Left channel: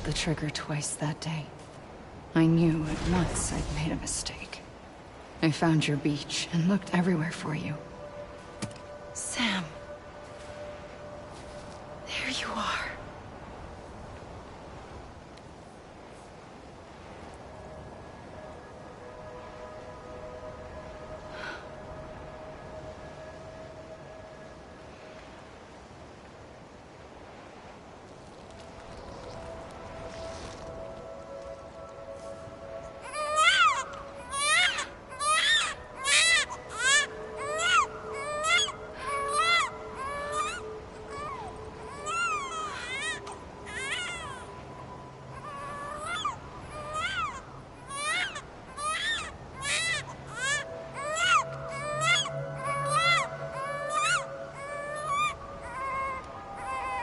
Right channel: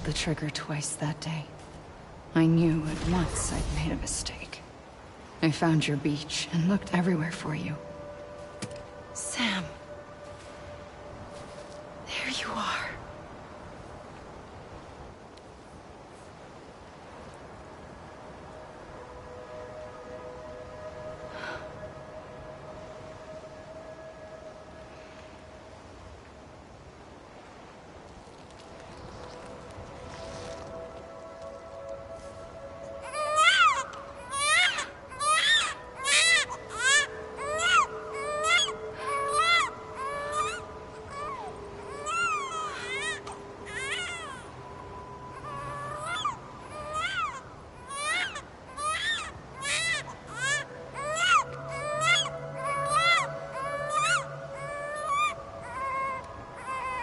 pulled the trigger twice that day. I knew at once I'd made a mistake. I found your beach and looked everywhere for you. Sam. There you are.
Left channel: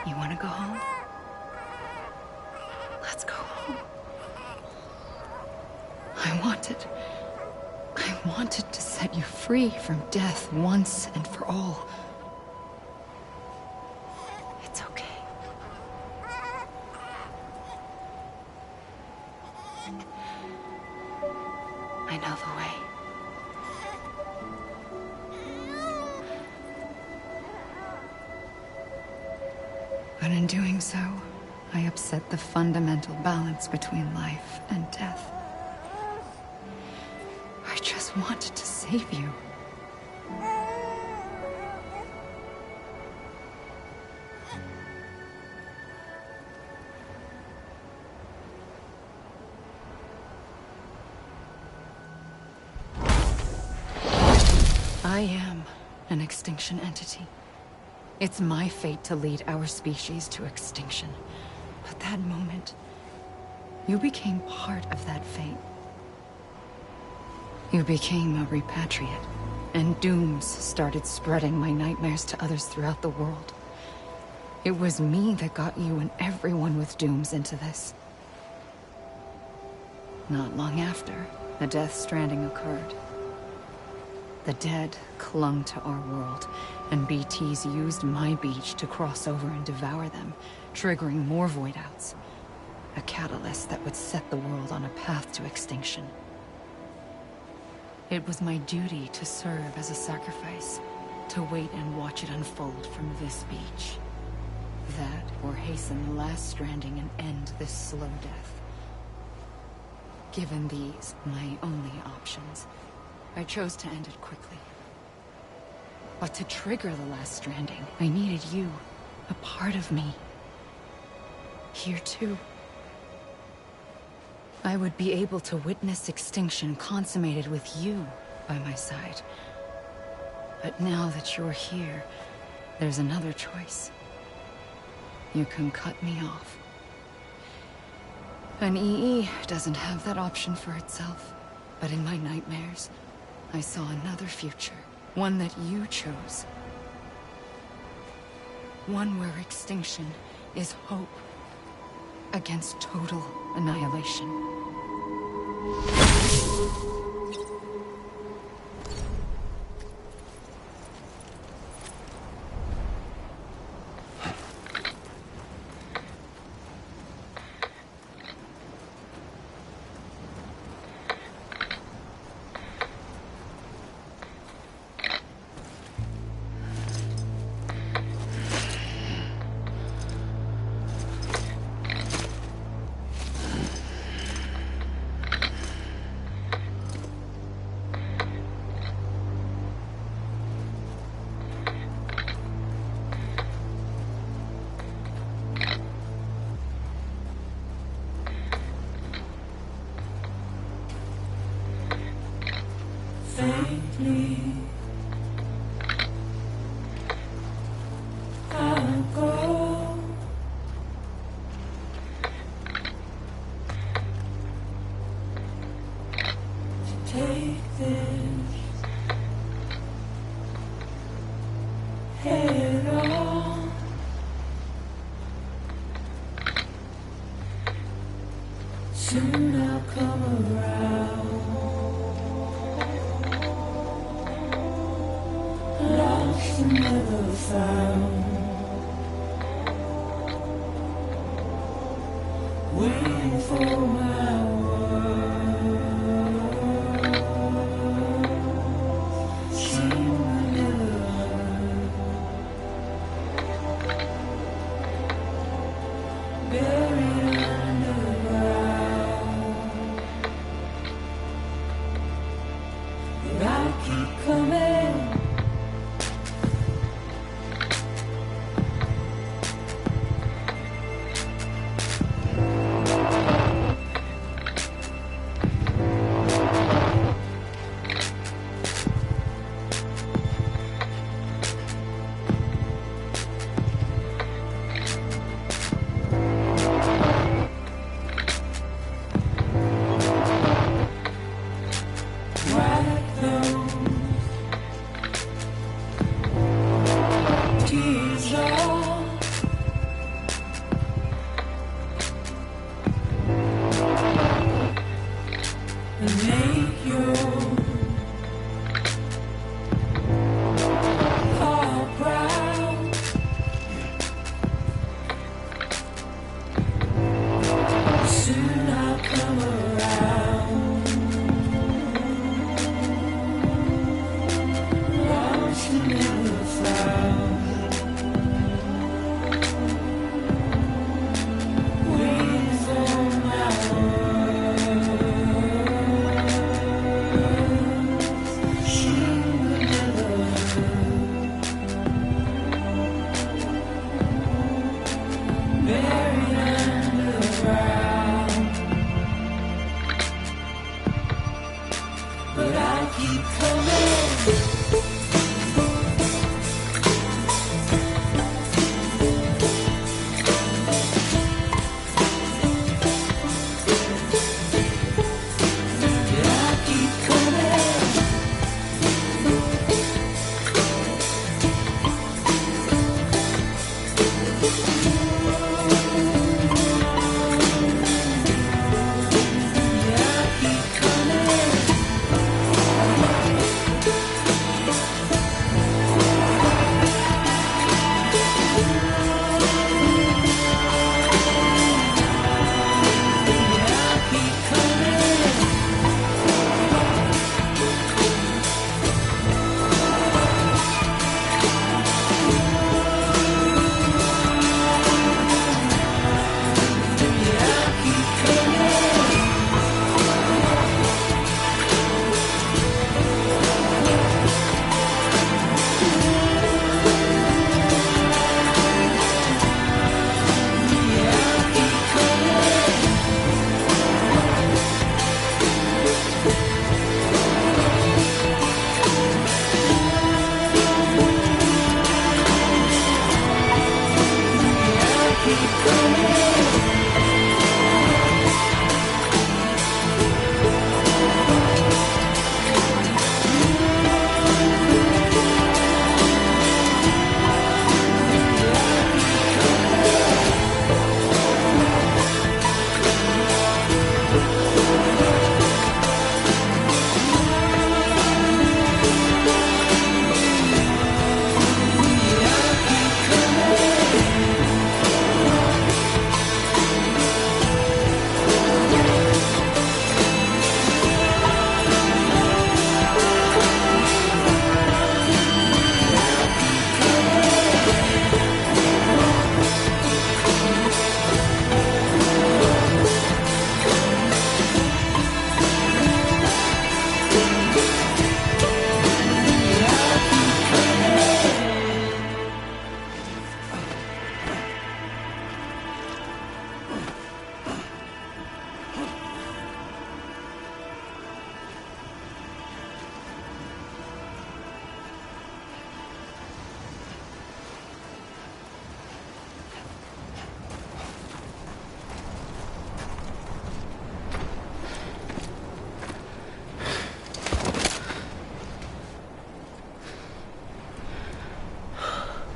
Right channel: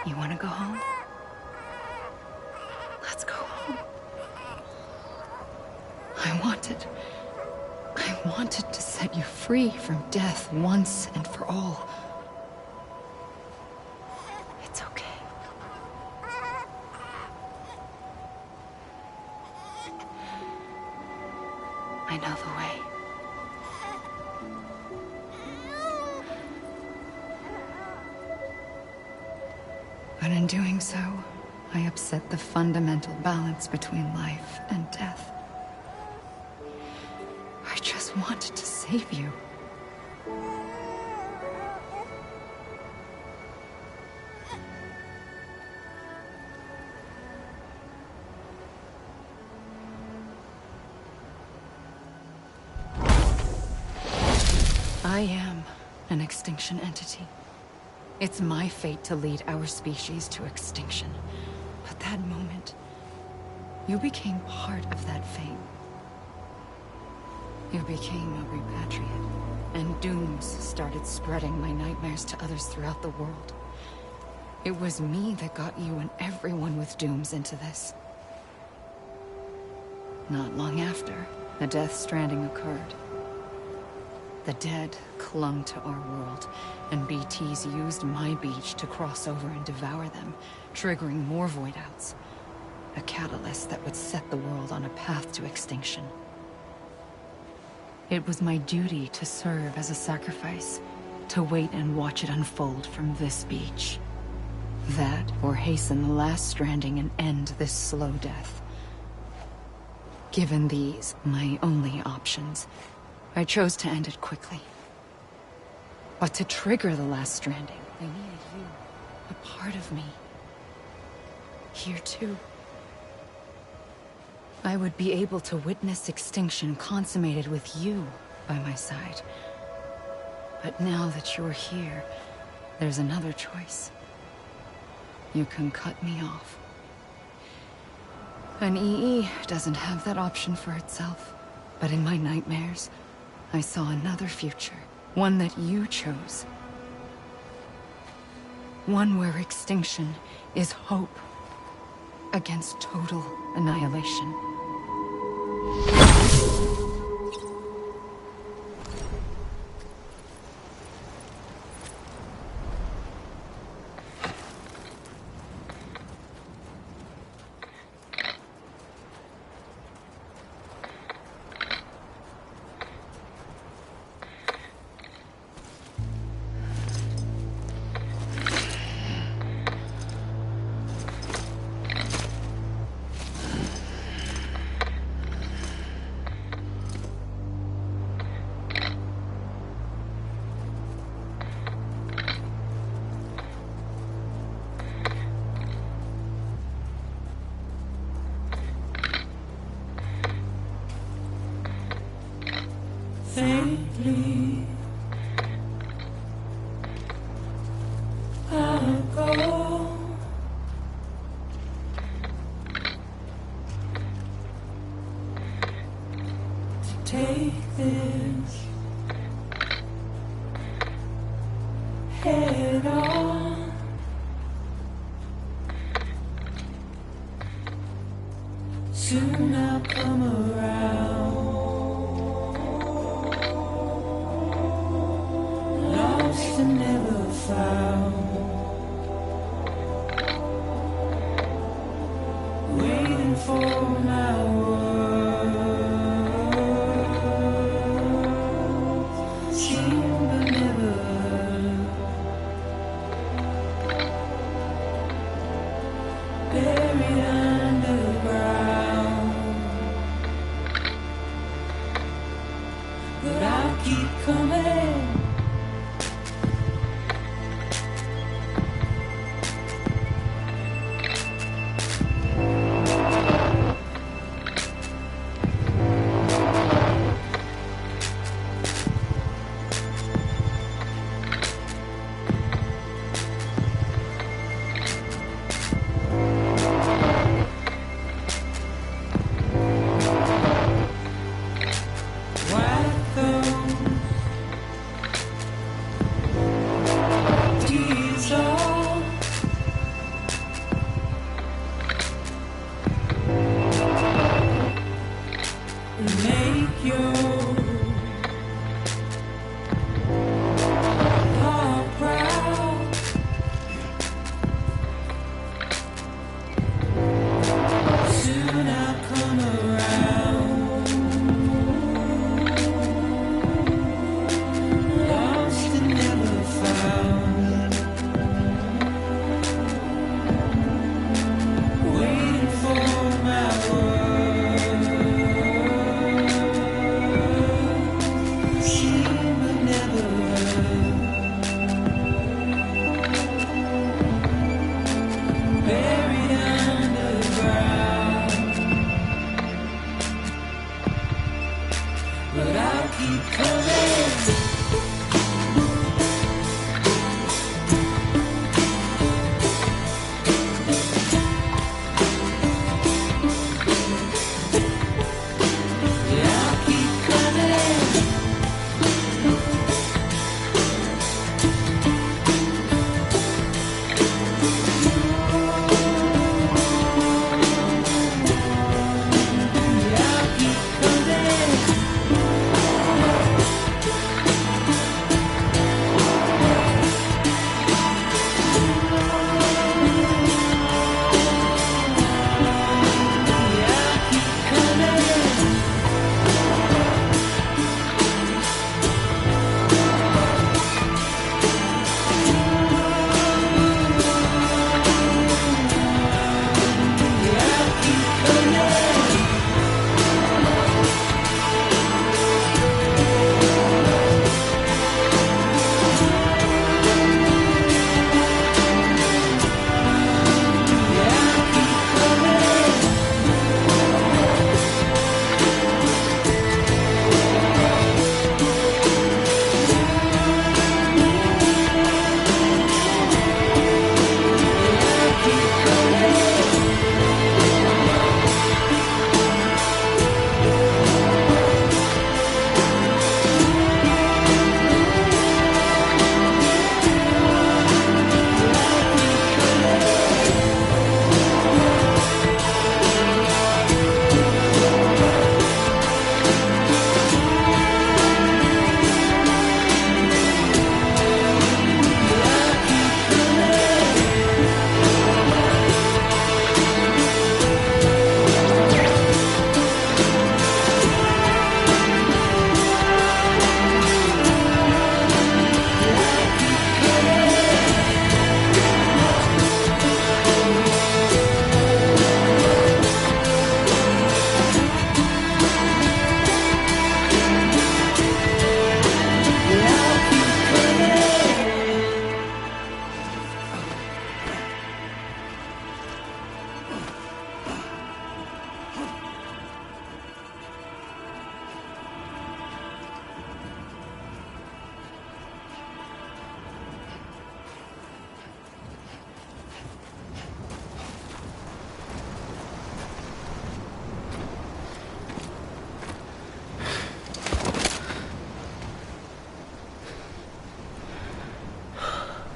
You want to go home? Let's go home. I wanted to set you free from death once and for all. It's okay. I know the way. But in doing so, I upset the fundamental balance between life and death. I just wanted to save you. I am an extinction entity. It's my fate to lead our species to extinction. But that moment, you became part of that fate. You became a repatriate, and dooms started spreading my nightmares to others throughout the world. It was me that got you and everyone with dooms into this. Not long after, the Death Stranding occurred. The dead clung to our world, and BTs used my beach to cross over and devour them, triggering more void outs. A catalyst that would set the world on a path to extinction. It was my duty to serve as a sacrifice, to wait and watch it unfold from this beach. That, or hasten the last stranding and end this slow death. Given these, my only options, I chose to end it quickly. But to trigger the last stranding, I needed you, a part of me. Here too. I would be able to witness extinction consummated with you by my side. But now that you're here, there's another choice. You can cut me off. An EE doesn't have that option for itself, but in my nightmares, I saw another future, one that you chose. One where extinction is hope against total annihilation. Faintly, I'll go. To take this head on. Soon I'll come around. Lost and never found. but I'll keep coming.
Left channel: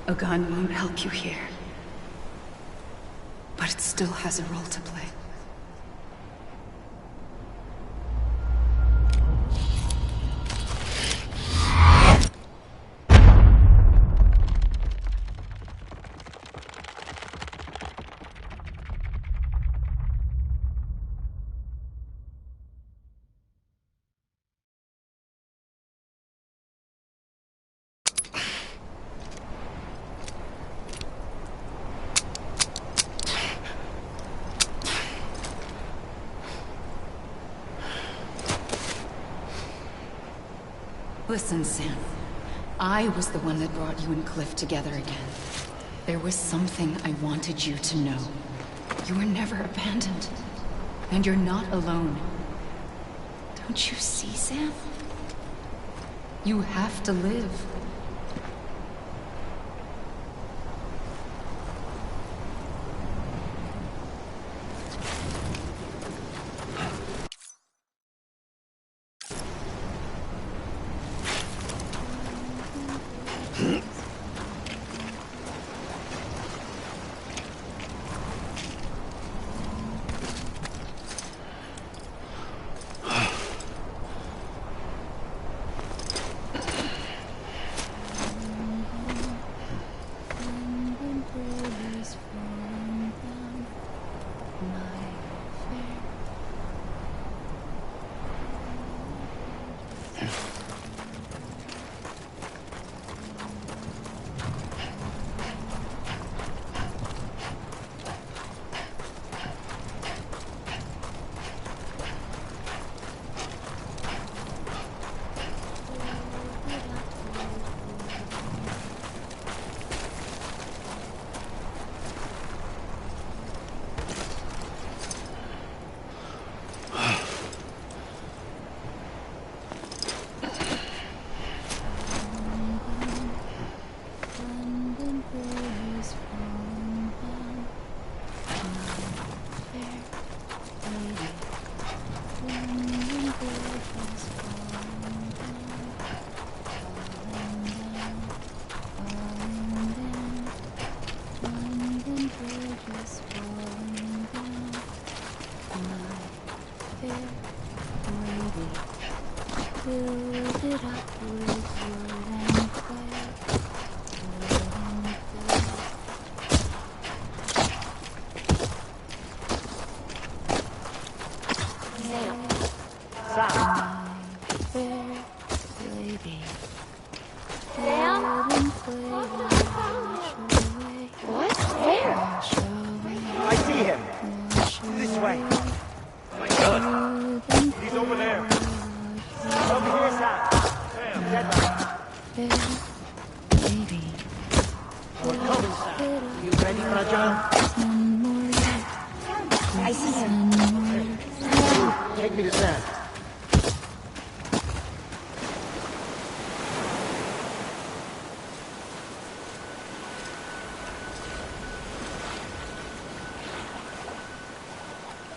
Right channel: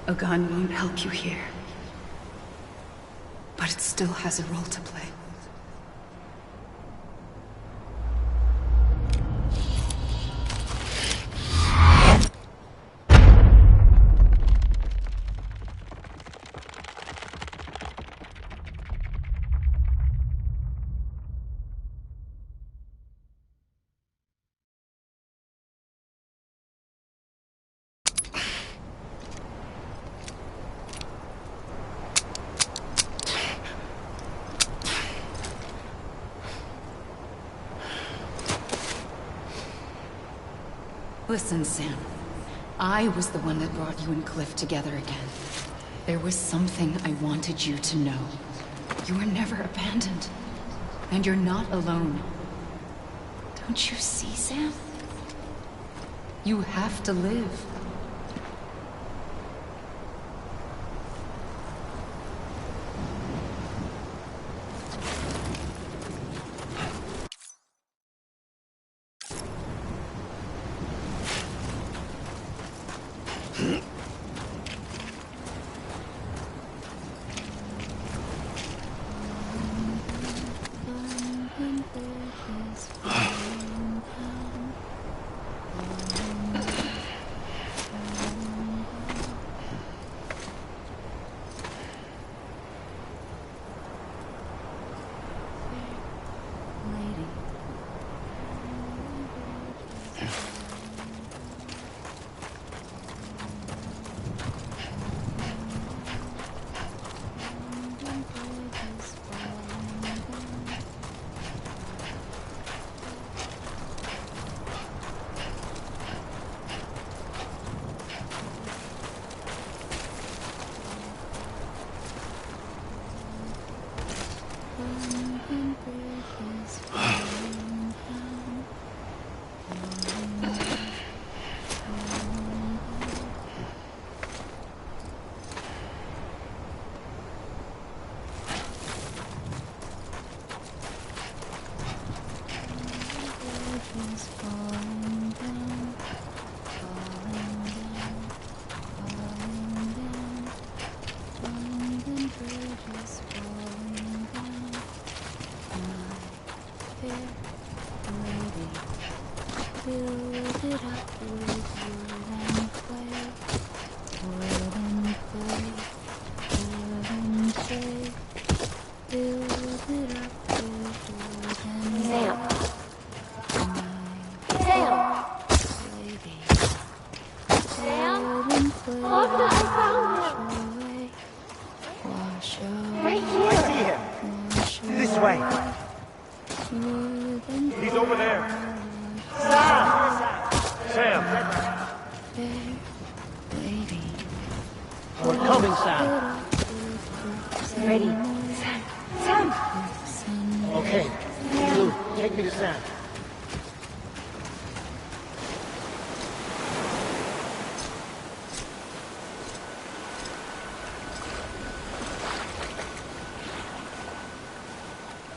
A gun won't help you here. But it still has a role to play. Listen, Sam. I was the one that brought you and Cliff together again. There was something I wanted you to know. You were never abandoned. And you're not alone. Don't you see, Sam? You have to live.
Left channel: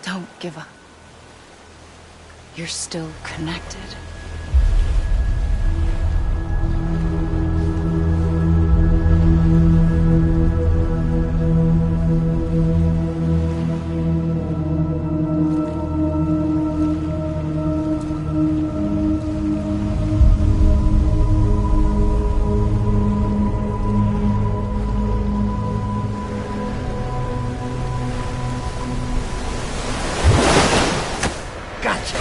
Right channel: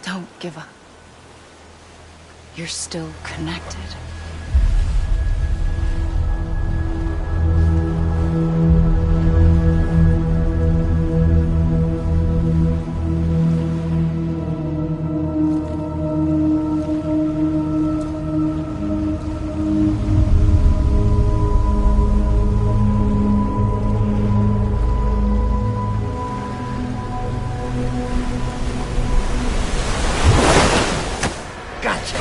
Don't give up. You're still connected. Gotcha!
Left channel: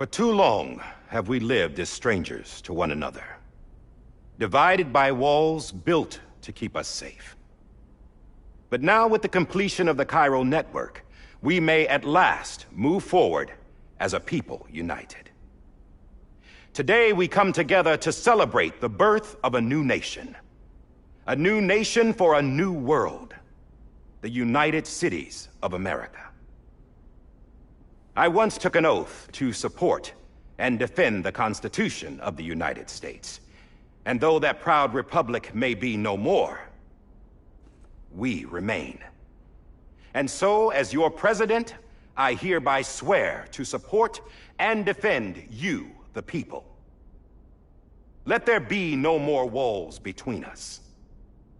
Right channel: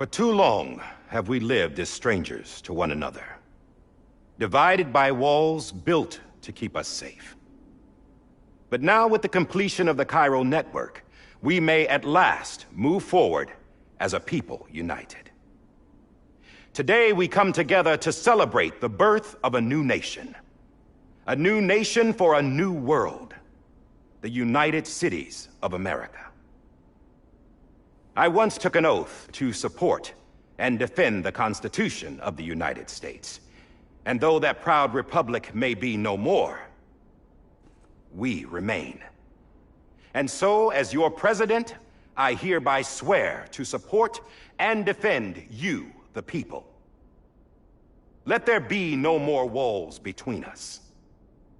For too long have we lived as strangers to one another, divided by walls built to keep us safe. But now, with the completion of the Chiral network, we may at last move forward as a people united. Today we come together to celebrate the birth of a new nation. A new nation for a new world. The United Cities of America. I once took an oath to support and defend the Constitution of the United States. And though that proud republic may be no more, we remain. And so, as your president, I hereby swear to support and defend you, the people. Let there be no more walls between us,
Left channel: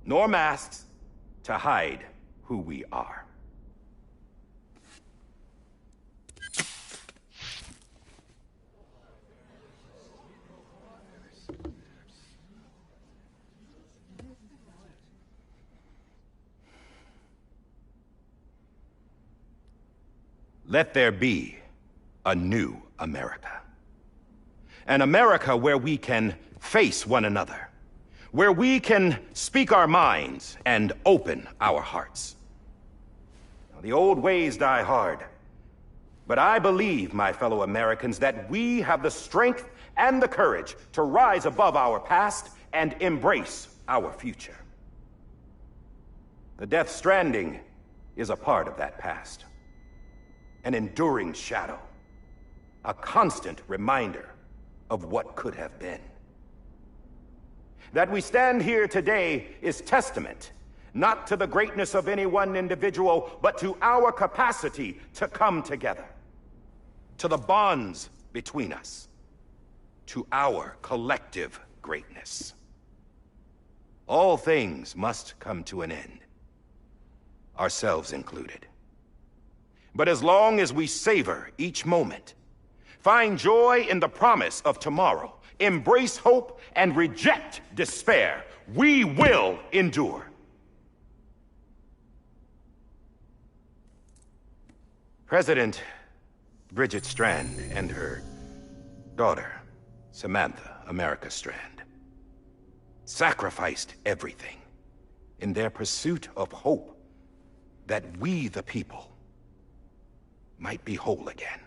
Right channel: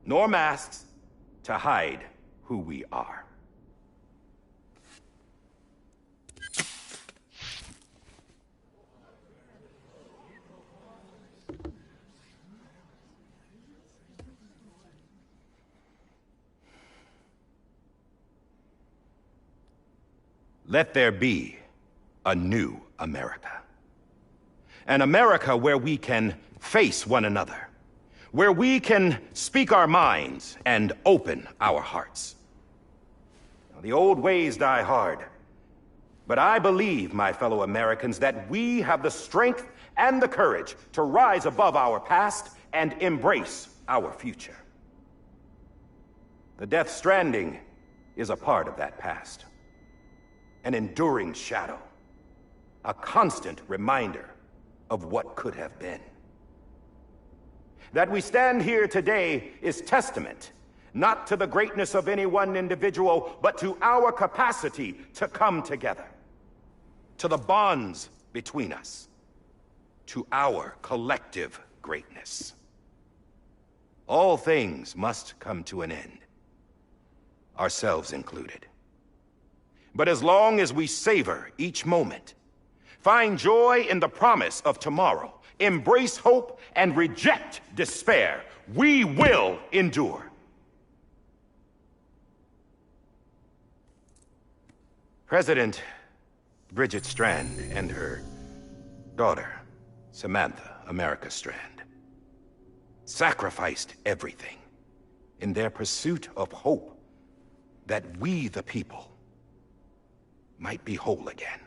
nor masks to hide who we are. Let there be a new America. An America where we can face one another, where we can speak our minds and open our hearts. Now, the old ways die hard, but I believe, my fellow Americans, that we have the strength and the courage to rise above our past and embrace our future. The Death Stranding is a part of that past. An enduring shadow, a constant reminder of what could have been. That we stand here today is testament, not to the greatness of any one individual, but to our capacity to come together, to the bonds between us, to our collective greatness. All things must come to an end, ourselves included. But as long as we savor each moment, find joy in the promise of tomorrow, embrace hope, and reject despair, we will endure. President Bridget Strand and her daughter, Samantha America Strand, sacrificed everything in their pursuit of hope that we, the people, might be whole again.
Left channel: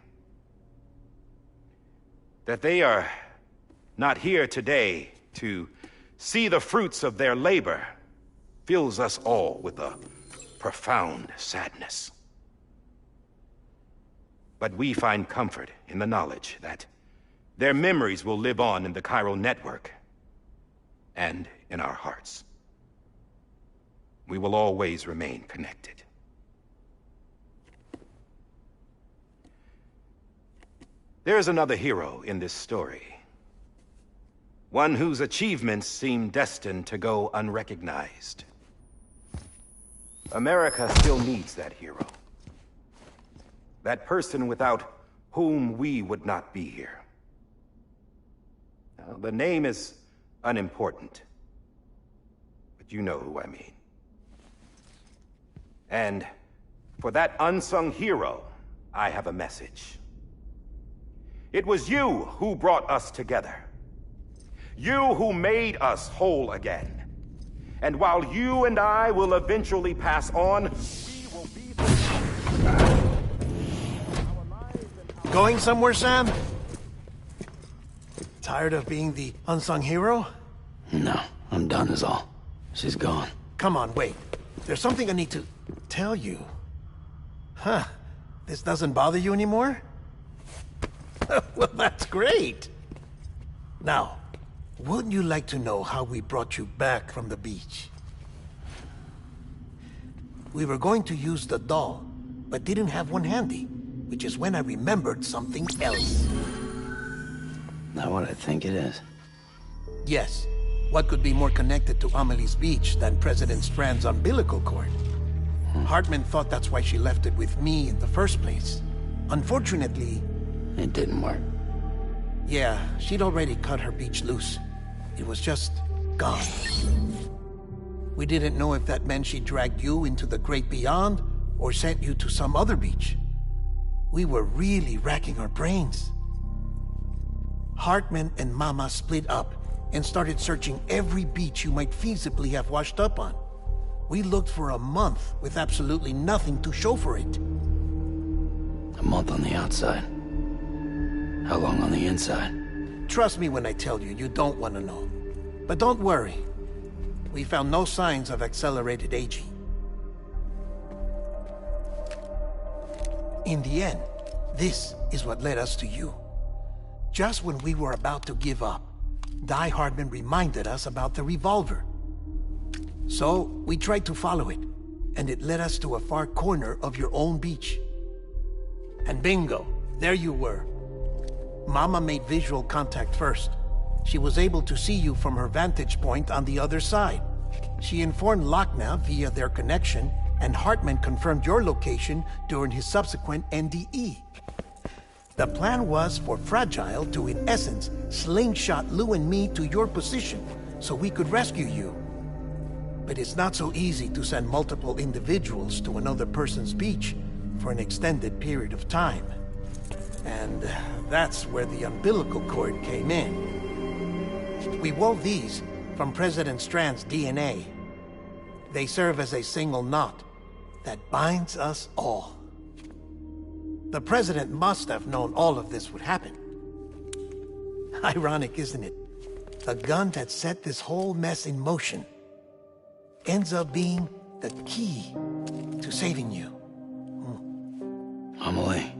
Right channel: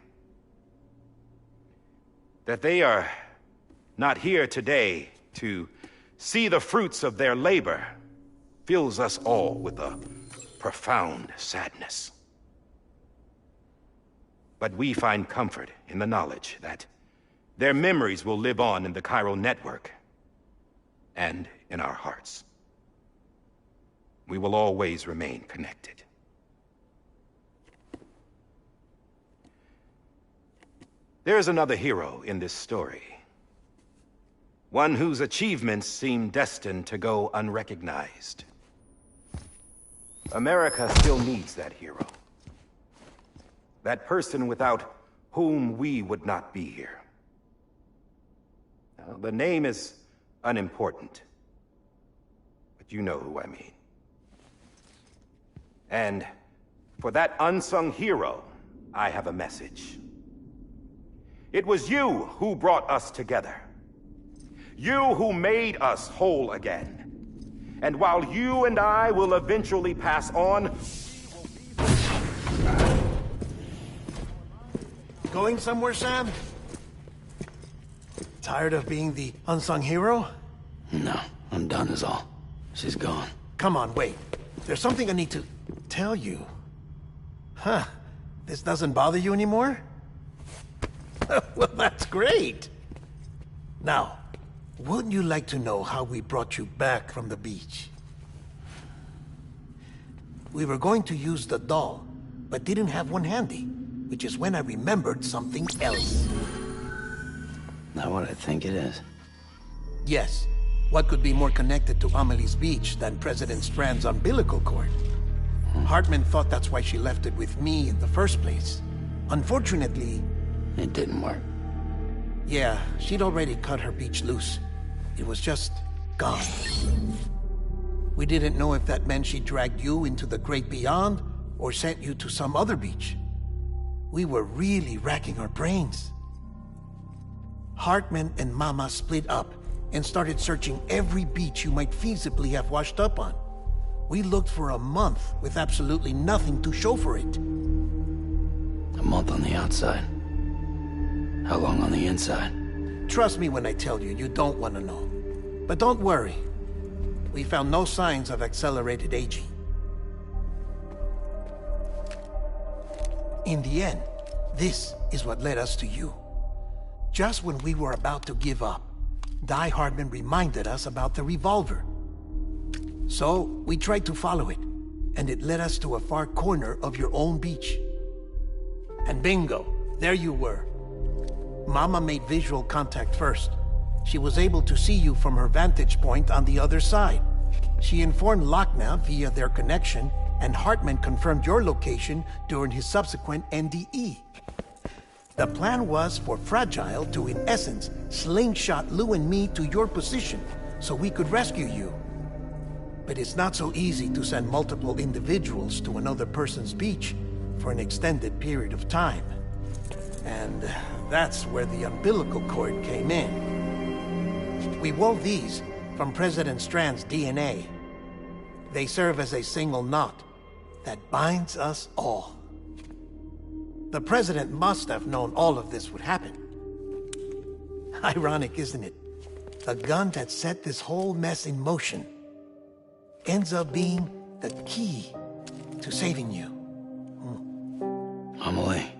That they are not here today to see the fruits of their labor fills us all with a profound sadness. But we find comfort in the knowledge that their memories will live on in the Chiral network and in our hearts. We will always remain connected. There is another hero in this story. One whose achievements seem destined to go unrecognized. America still needs that hero. That person without whom we would not be here. Now, the name is unimportant, but you know who I mean. And for that unsung hero, I have a message. It was you who brought us together. You who made us whole again. And while you and I will eventually pass on, we will be... Going somewhere, Sam? Tired of being the unsung hero? No, I'm done is all. She's gone. Come on, wait. There's something I need to tell you. Huh. This doesn't bother you anymore? Well, that's great. Now, wouldn't you like to know how we brought you back from the beach? We were going to use the doll, but didn't have one handy, which is when I remembered something else. Not what I think it is. Yes. What could be more connected to Amelie's beach than President Strand's umbilical cord? Hartman thought that's why she left it with me in the first place. Unfortunately... It didn't work. Yeah, she'd already cut her beach loose. It was just gone. We didn't know if that meant she dragged you into the great beyond, or sent you to some other beach. We were really racking our brains. Hartman and Mama split up and started searching every beach you might feasibly have washed up on. We looked for a month with absolutely nothing to show for it. A month on the outside. How long on the inside? Trust me when I tell you, you don't want to know. But don't worry. We found no signs of accelerated aging. In the end, this is what led us to you. Just when we were about to give up, Die Hardman reminded us about the revolver. So, we tried to follow it, and it led us to a far corner of your own beach. And bingo, there you were. Mama made visual contact first. She was able to see you from her vantage point on the other side. She informed Lochner via their connection, and Hartman confirmed your location during his subsequent NDE. The plan was for Fragile to, in essence, slingshot Lou and me to your position so we could rescue you. But it's not so easy to send multiple individuals to another person's beach for an extended period of time. And that's where the umbilical cord came in. We wove these from President Strand's DNA. They serve as a single knot that binds us all. The President must have known all of this would happen. Ironic, isn't it? The gun that set this whole mess in motion ends up being the key to saving you. Amelie,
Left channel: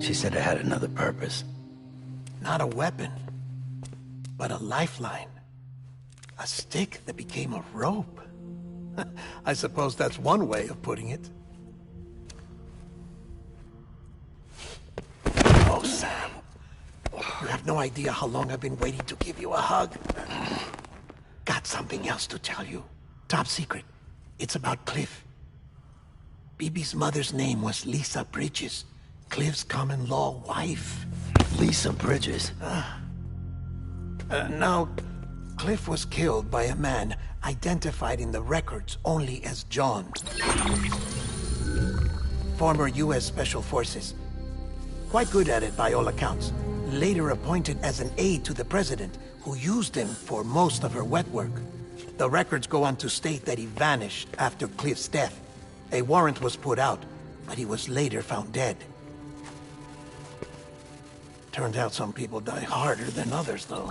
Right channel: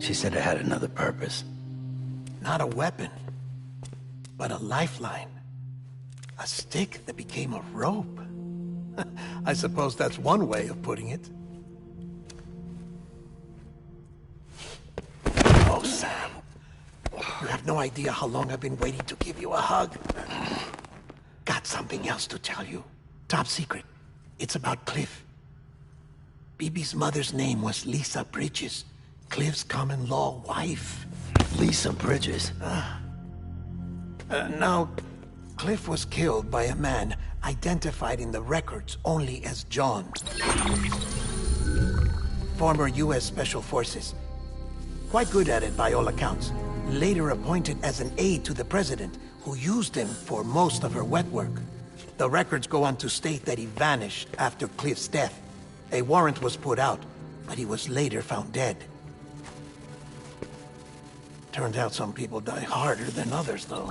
she said it had another purpose. Not a weapon, but a lifeline. A stick that became a rope. I suppose that's one way of putting it. Oh, Sam. You have no idea how long I've been waiting to give you a hug. Got something else to tell you. Top secret. It's about Cliff. Bibi's mother's name was Lisa Bridges, Cliff's common-law wife. Lisa Bridges? Now, Cliff was killed by a man identified in the records only as John. Former U.S. Special Forces. Quite good at it by all accounts. Later appointed as an aide to the president, who used him for most of her wet work. The records go on to state that he vanished after Cliff's death. A warrant was put out, but he was later found dead. Turns out some people die harder than others, though.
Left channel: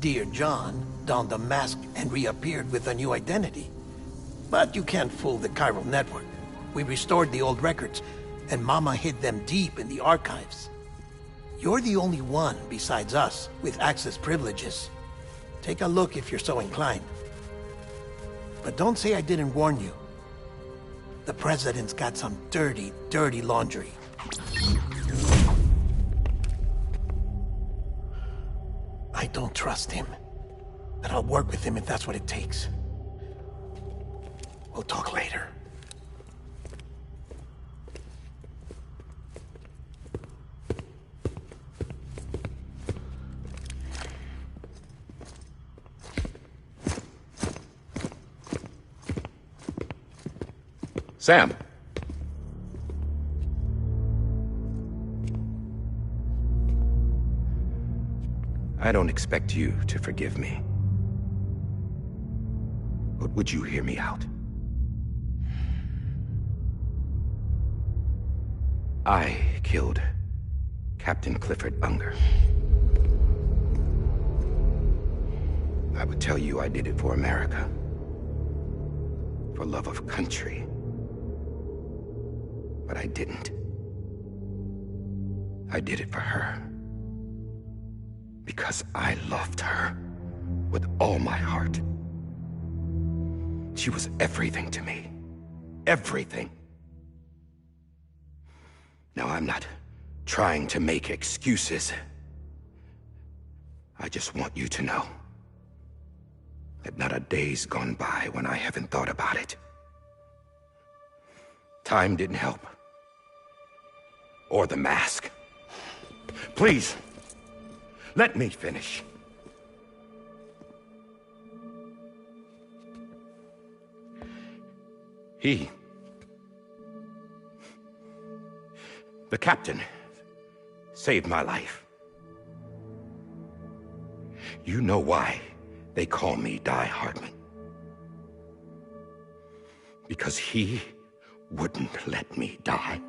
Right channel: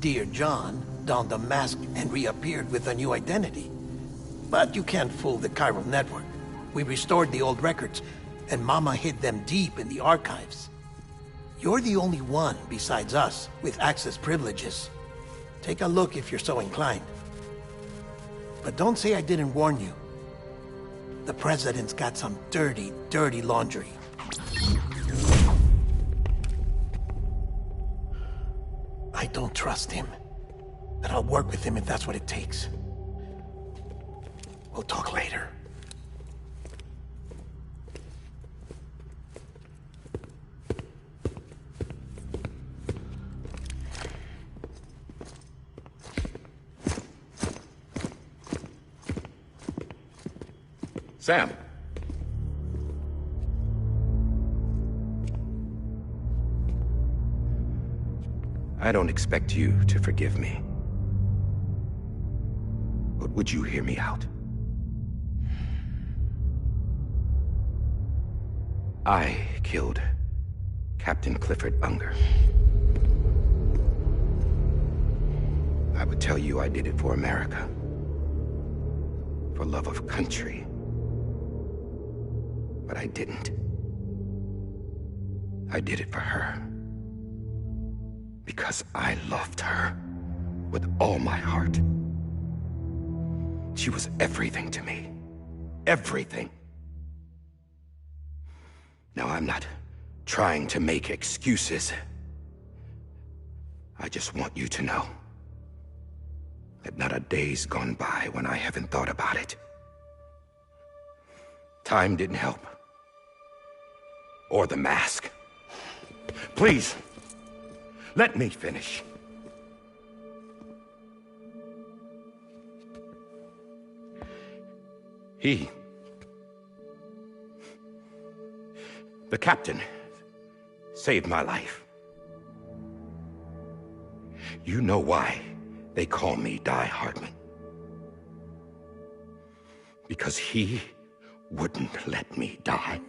Dear John donned a mask and reappeared with a new identity. But you can't fool the chiral network. We restored the old records, and Mama hid them deep in the archives. You're the only one, besides us, with access privileges. Take a look if you're so inclined. But don't say I didn't warn you. The President's got some dirty, dirty laundry. I don't trust him, but I'll work with him if that's what it takes. We'll talk later. Sam. I don't expect you to forgive me. But would you hear me out? I killed Captain Clifford Unger. I would tell you I did it for America. For love of country. But I didn't. I did it for her. Because I loved her with all my heart. She was everything to me. Everything. Now, I'm not trying to make excuses. I just want you to know that not a day's gone by when I haven't thought about it. Time didn't help. Or the mask. Please, let me finish. The captain saved my life. You know why they call me Die Hardman? Because he wouldn't let me die.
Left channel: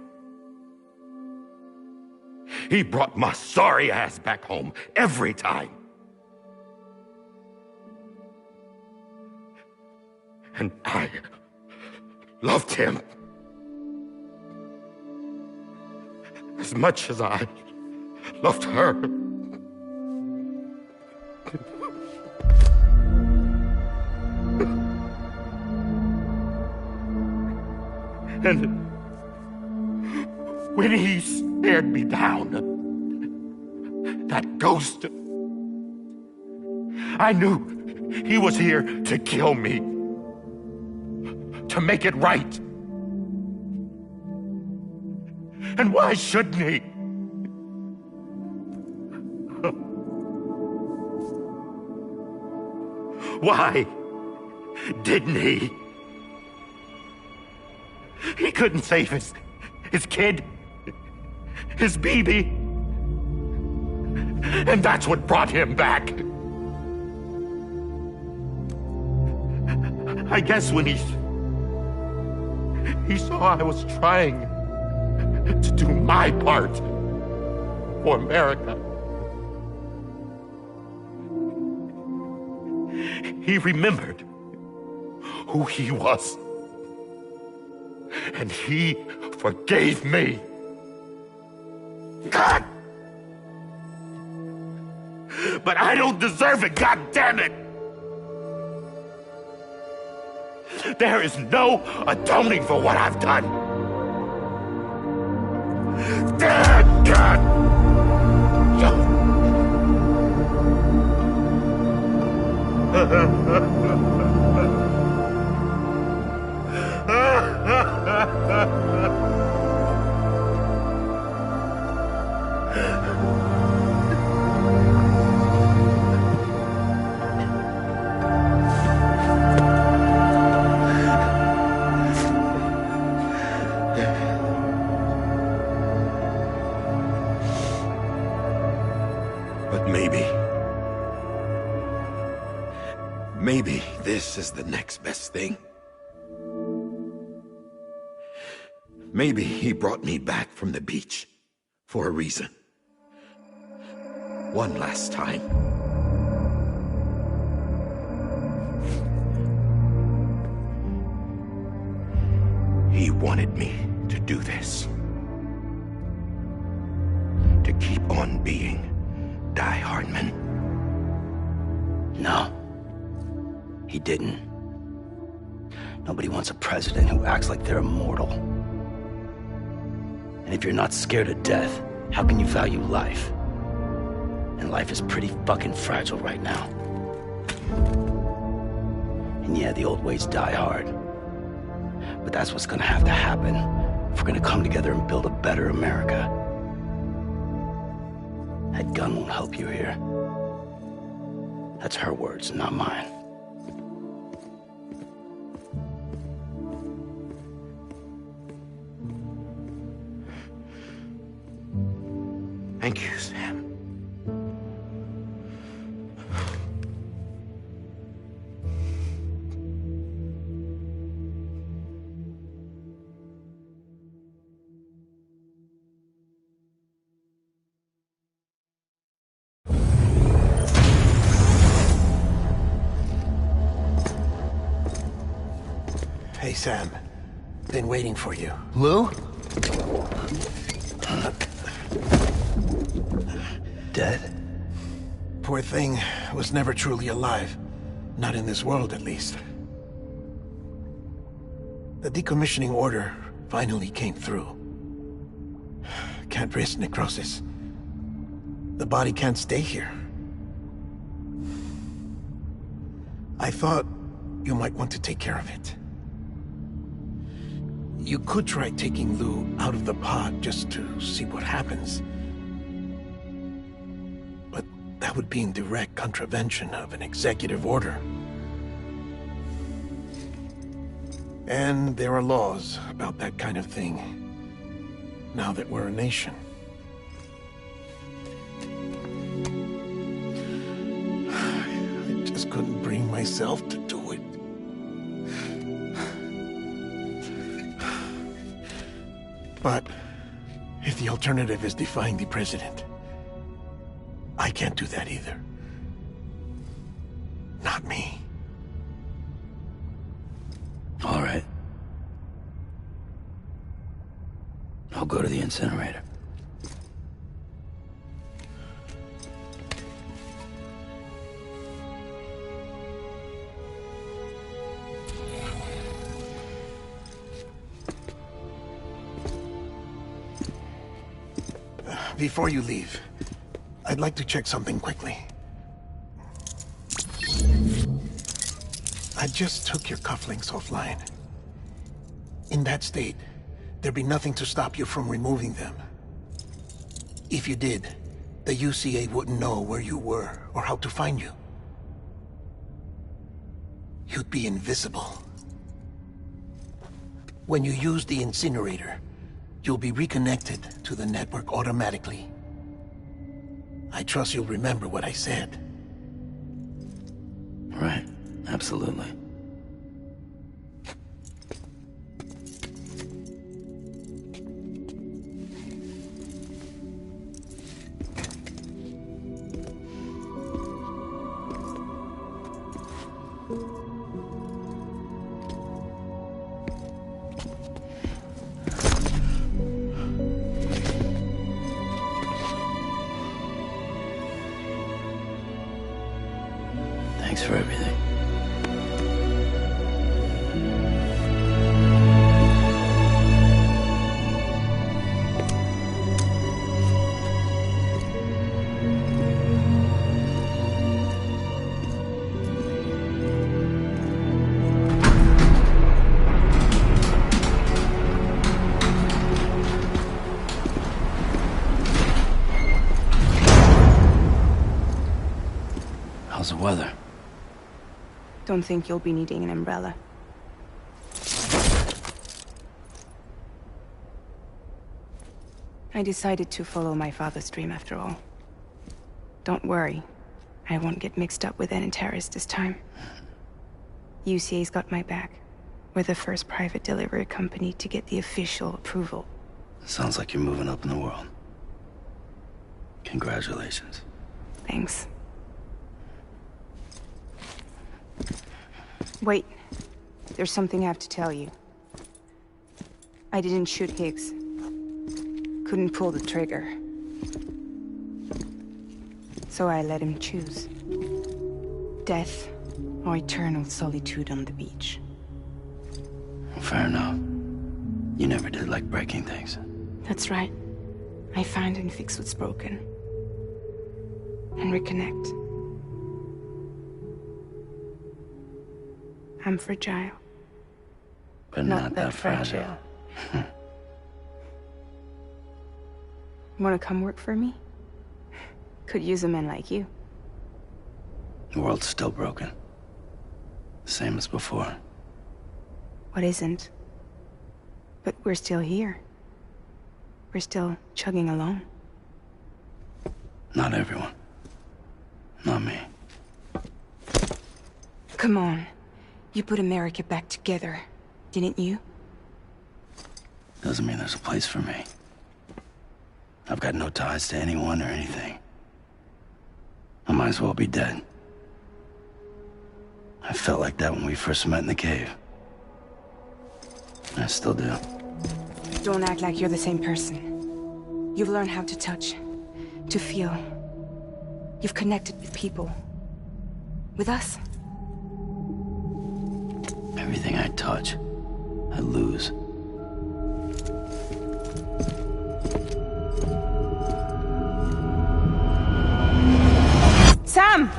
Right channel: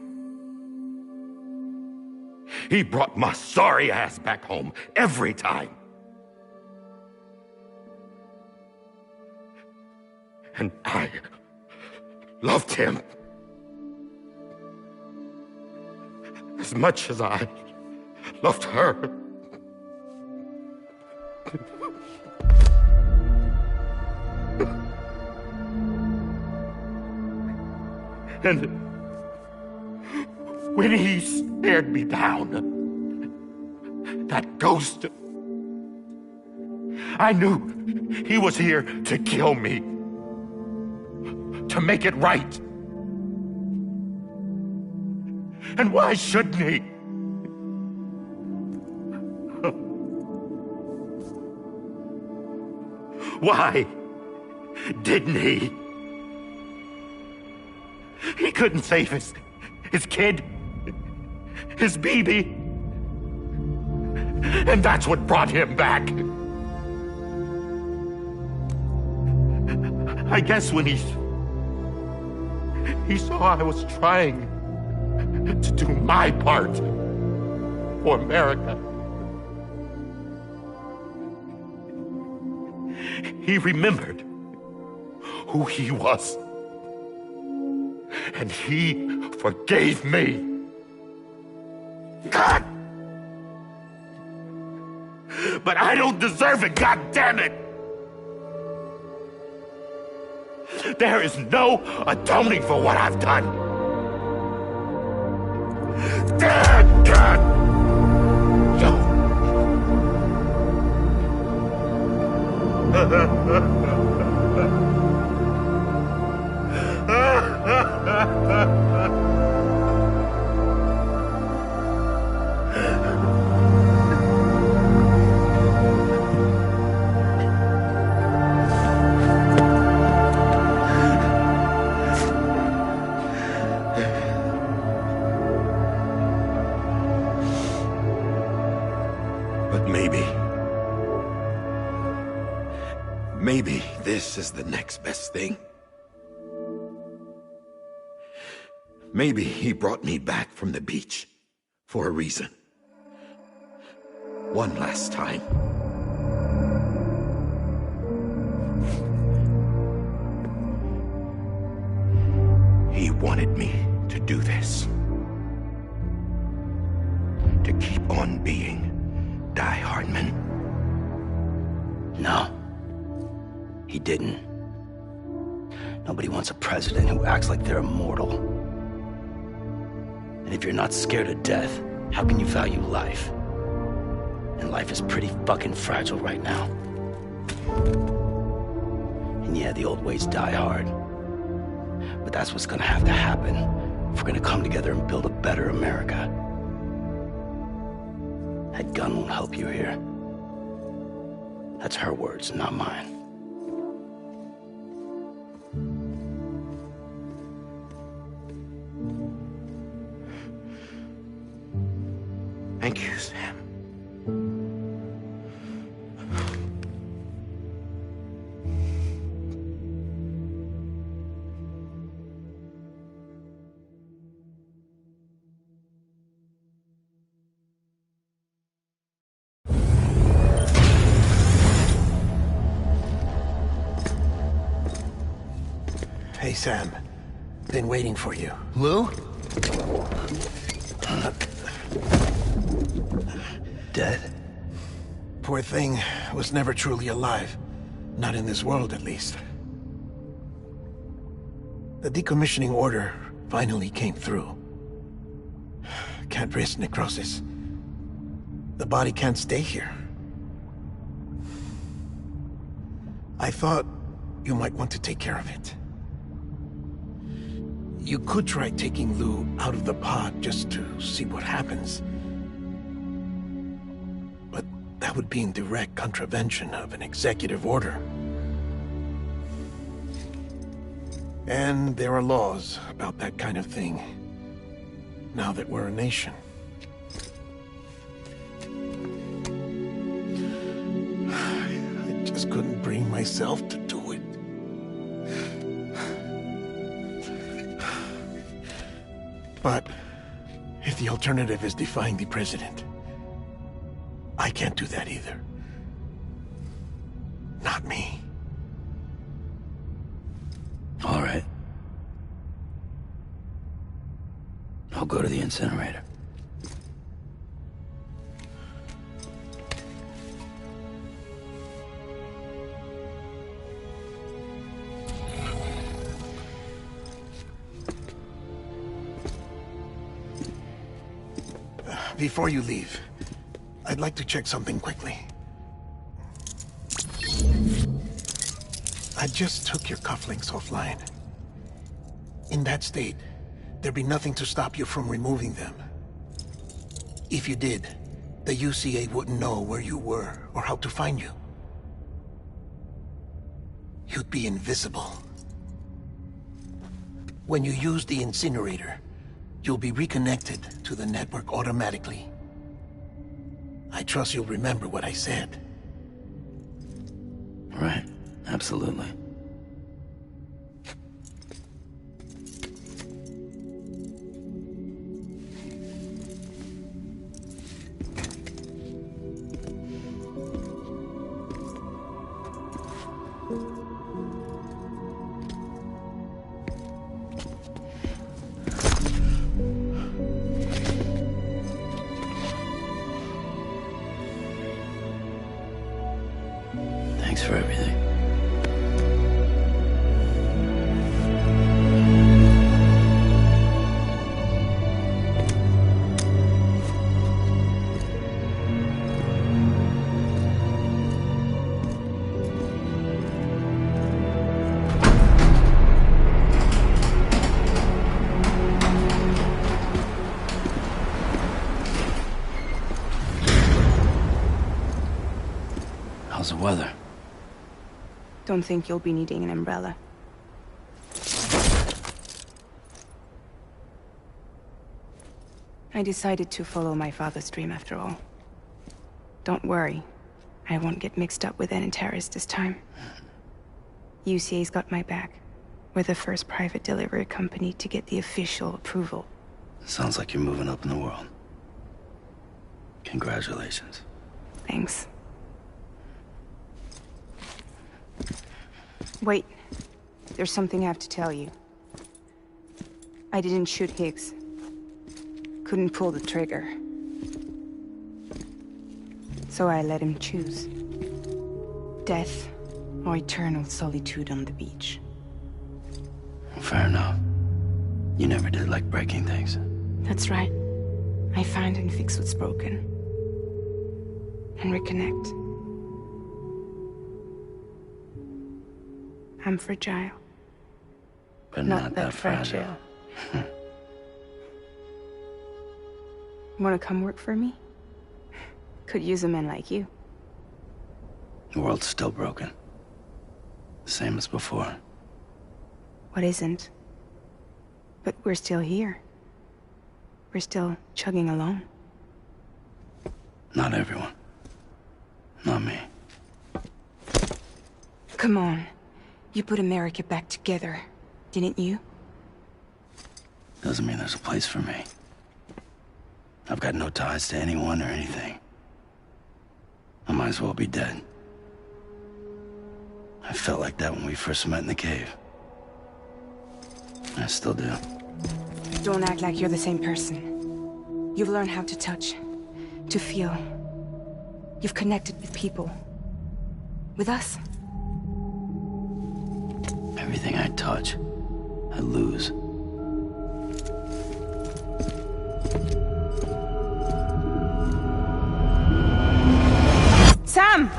He brought my sorry ass back home every time. And I loved him as much as I loved her. And when he stared me down, that ghost, I knew he was here to kill me, to make it right. And why shouldn't he? Why didn't he? He couldn't save his kid, his baby. And that's what brought him back. I guess when he saw I was trying to do my part for America, he remembered who he was. And he forgave me. God! But I don't deserve it, God damn it! There is no atoning for what I've done. Dad, God! But maybe this is the next best thing. Maybe he brought me back from the beach for a reason. One last time. He wanted me to do this. To keep on being Die Hardman. No. He didn't. Nobody wants a president who acts like they're immortal. And if you're not scared of death, how can you value life? And life is pretty fucking fragile right now. And yeah, the old ways die hard. But that's what's gonna have to happen if we're gonna come together and build a better America. That gun won't help you here. That's her words, not mine. Thank you, Sam. Hey, Sam. Been waiting for you. Lou? Dead? Poor thing was never truly alive. Not in this world, at least. The decommissioning order finally came through. Can't risk necrosis. The body can't stay here. I thought you might want to take care of it. You could try taking Lou out of the pod just to see what happens. But that would be in direct contravention of an executive order. And there are laws about that kind of thing, now that we're a nation. couldn't bring myself to do it. But if the alternative is defying the president, I can't do that either. Not me. All right. I'll go to the incinerator. Before you leave, I'd like to check something quickly. I just took your cufflinks offline. In that state, there'd be nothing to stop you from removing them. If you did, the UCA wouldn't know where you were or how to find you. You'd be invisible. When you use the incinerator, you'll be reconnected to the network automatically. I trust you'll remember what I said. Right. Absolutely. Thanks for everything. How's the weather? Don't think you'll be needing an umbrella. I decided to follow my father's dream after all. Don't worry. I won't get mixed up with any terrorists this time. UCA's got my back. We're the first private delivery company to get the official approval. Sounds like you're moving up in the world. Congratulations. Thanks. Wait. There's something I have to tell you. I didn't shoot Higgs. Couldn't pull the trigger. So I let him choose. Death or eternal solitude on the beach. Fair enough. You never did like breaking things. That's right. I find and fix what's broken. And reconnect. I'm fragile. But not that fragile. Wanna come work for me? Could use a man like you. The world's still broken. Same as before. What isn't? But we're still here. We're still chugging along. Not everyone. Not me. Come on. You put America back together, didn't you? Doesn't mean there's a place for me. I've got no ties to anyone or anything. I might as well be dead. I felt like that when we first met in the cave. I still do. Don't act like you're the same person. You've learned how to touch, to feel. You've connected with people. With us. Everything I touch, I lose. Sam!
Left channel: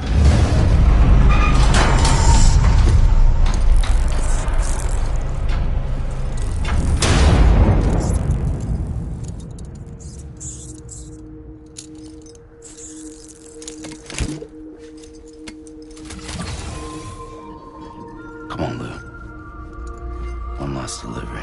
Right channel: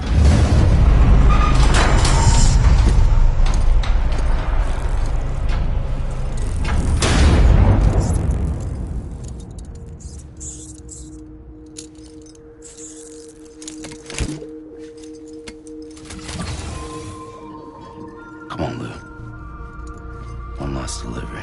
Come on, Lou. One last delivery.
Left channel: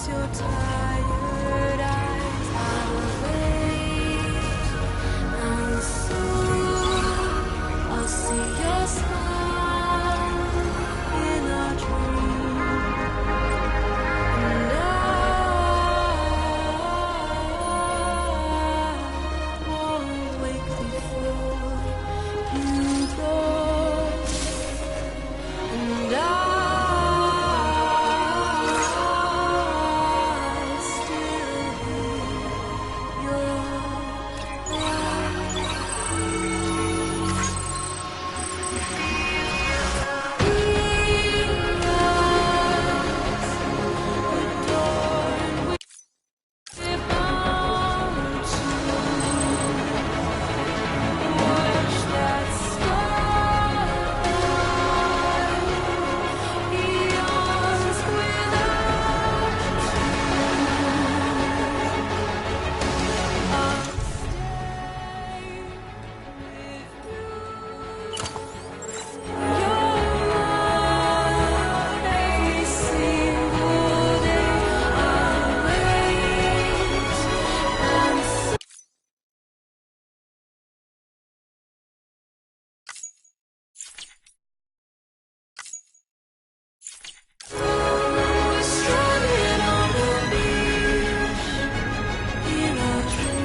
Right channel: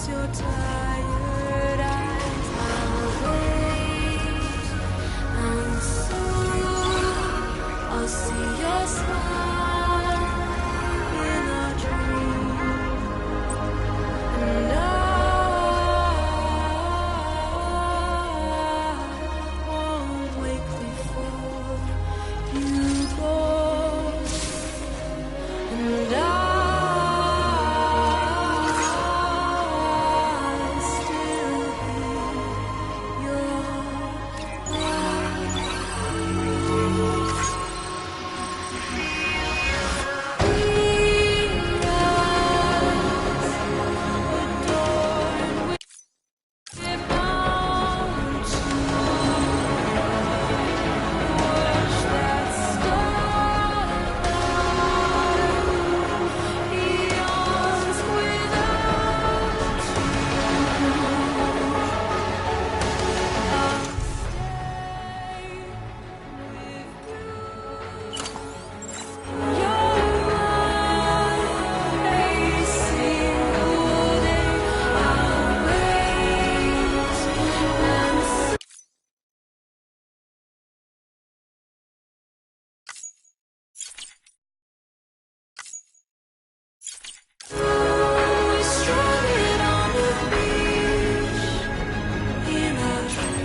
close your tired eyes, I'll wait, and soon I'll see your smile in a dream, and I won't wake before you go, and I still hear your adorned with bound to watch that starlight eons without I'll stay with you in your mind a single day. I'll wait and we're stranded on the beach in a dream.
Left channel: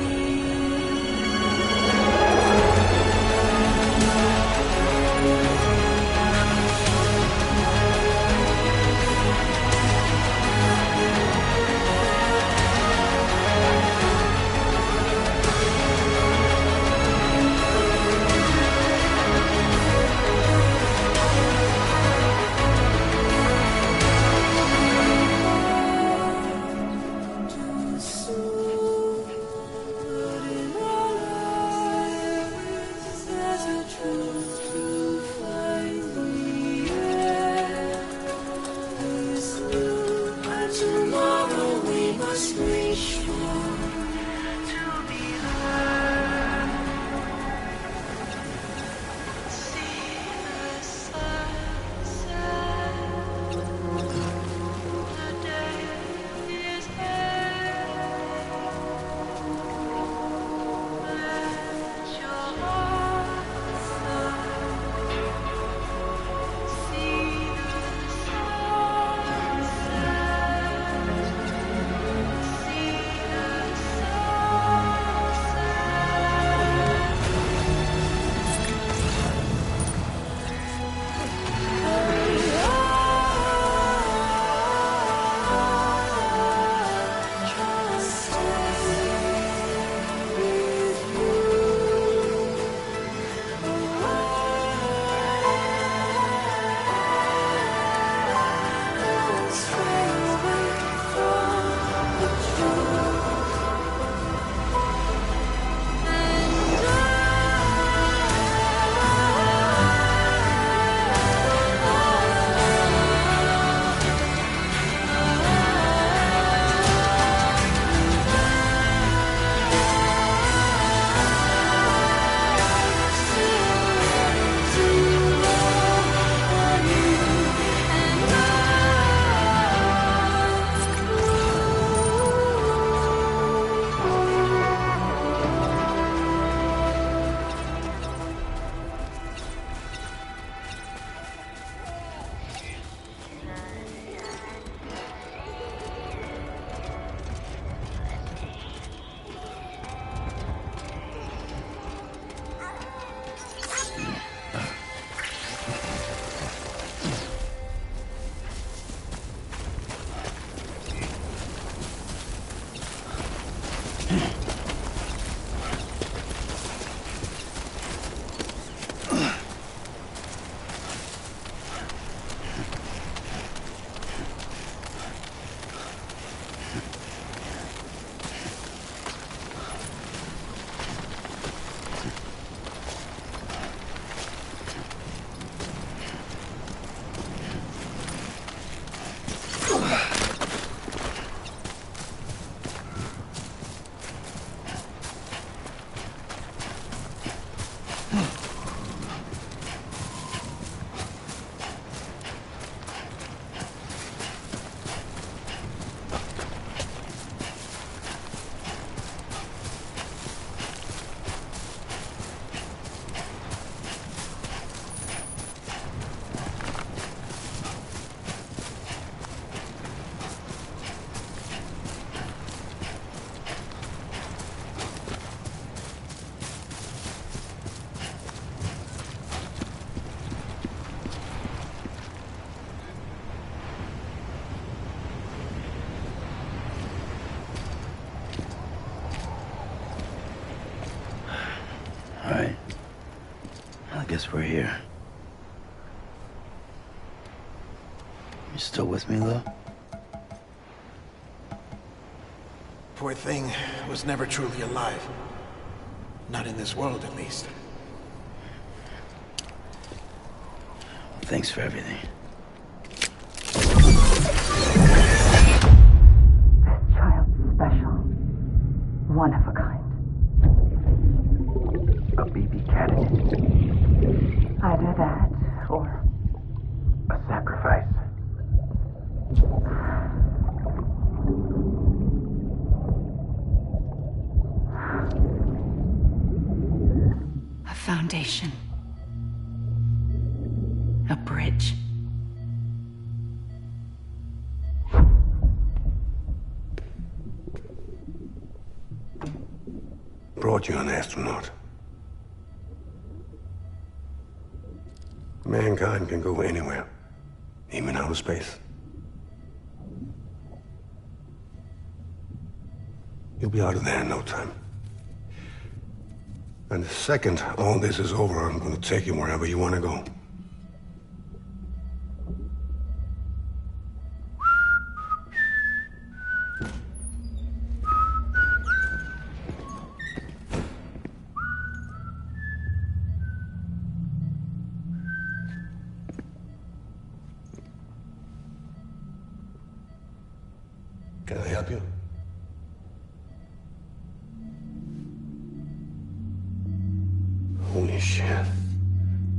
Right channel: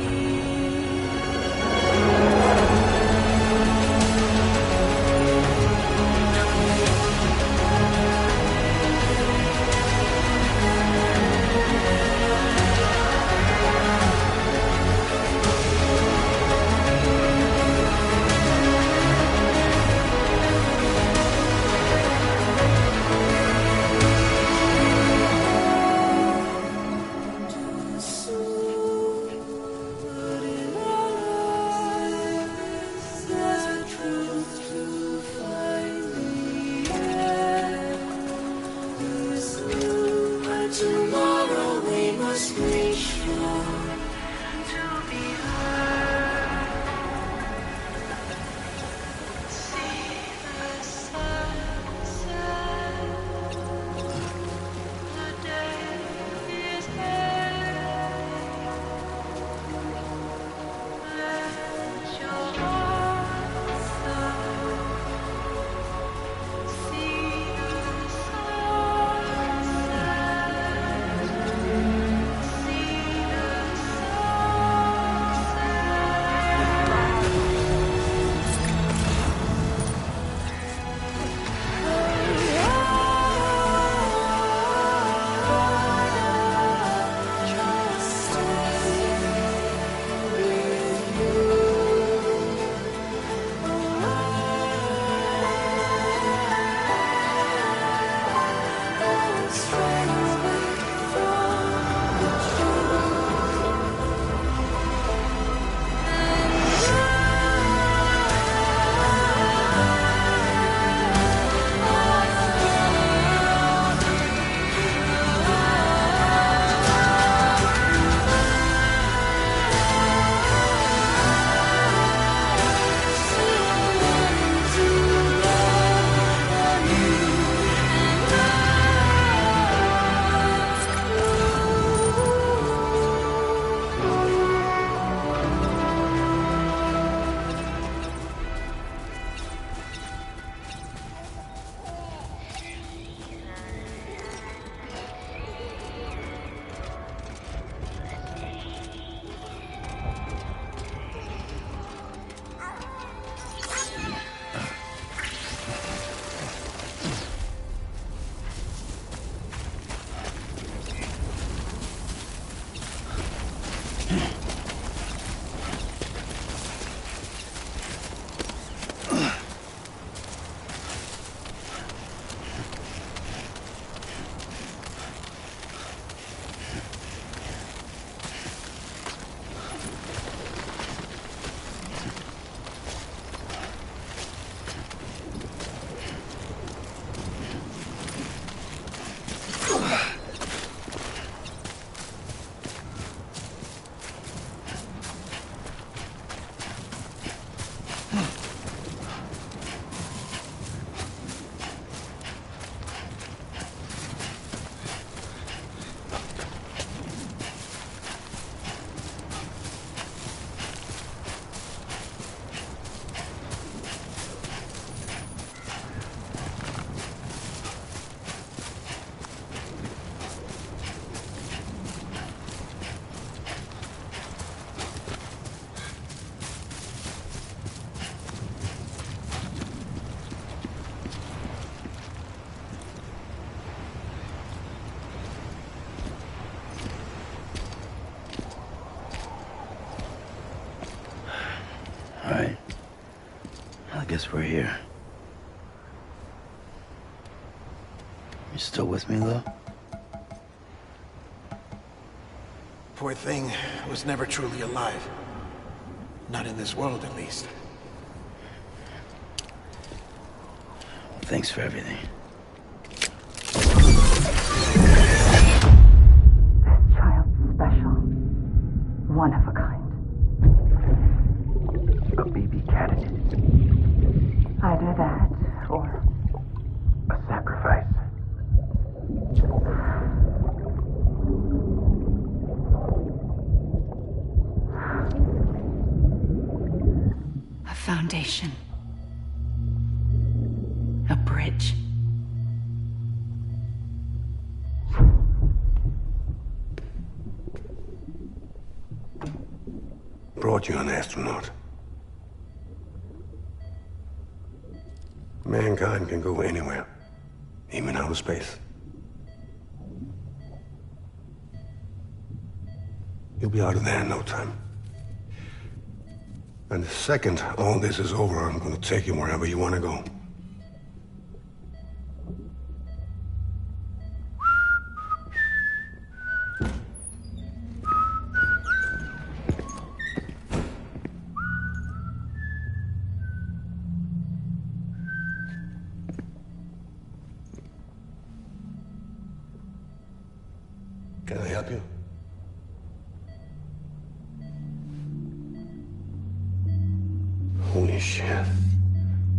Too soon, but in our lives there's a truth to find the end is new, and tomorrow we must reach for to be heard. See the sunset. The day is here. Let your heart soar. See the sunset. See the guess we're here. You still with me, though? Poor thing was never truly alive. Not in this world, at least. Thanks for everything. Child's special. One of a kind. A BB candidate. Either that, or A sacrifice. a foundation. A bridge. Brought you an astronaut. Mankind can go anywhere, even outer space. You'll be out of there in no time. And the second all this is over, I'm gonna take you wherever you wanna go. Can I help you? Holy shit.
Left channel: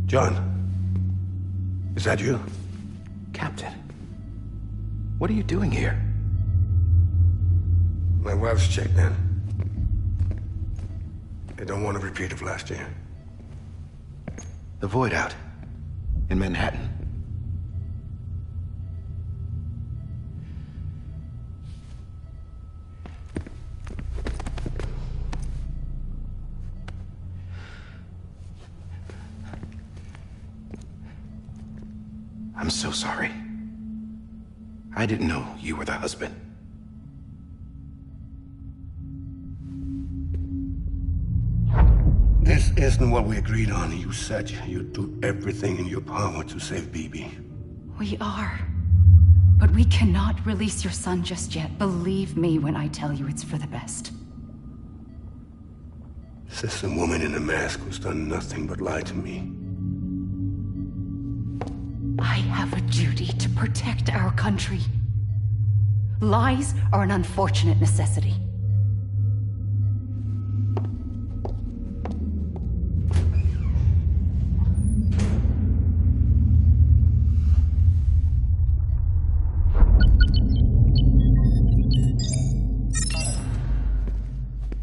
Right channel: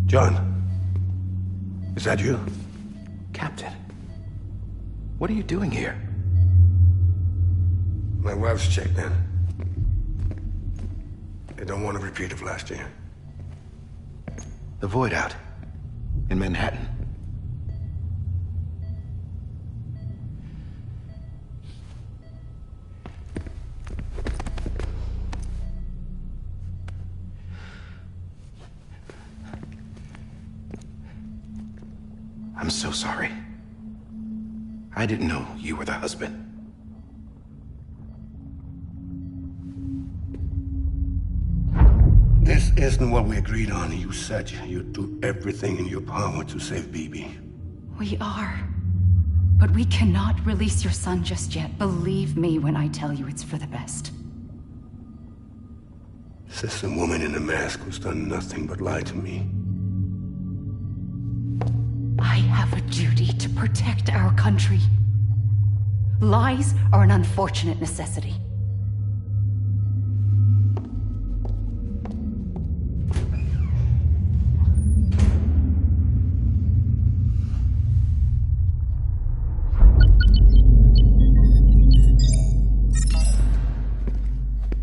John, is that you? Captain, what are you doing here? My wife's checked in. They don't want a repeat of last year. The Void out in Manhattan. I'm so sorry. I didn't know you were the husband. This isn't what we agreed on. You said you'd do everything in your power to save BB. We are. But we cannot release your son just yet. Believe me when I tell you it's for the best. This is a woman in a mask who's done nothing but lie to me. I have a duty to protect our country. Lies are an unfortunate necessity.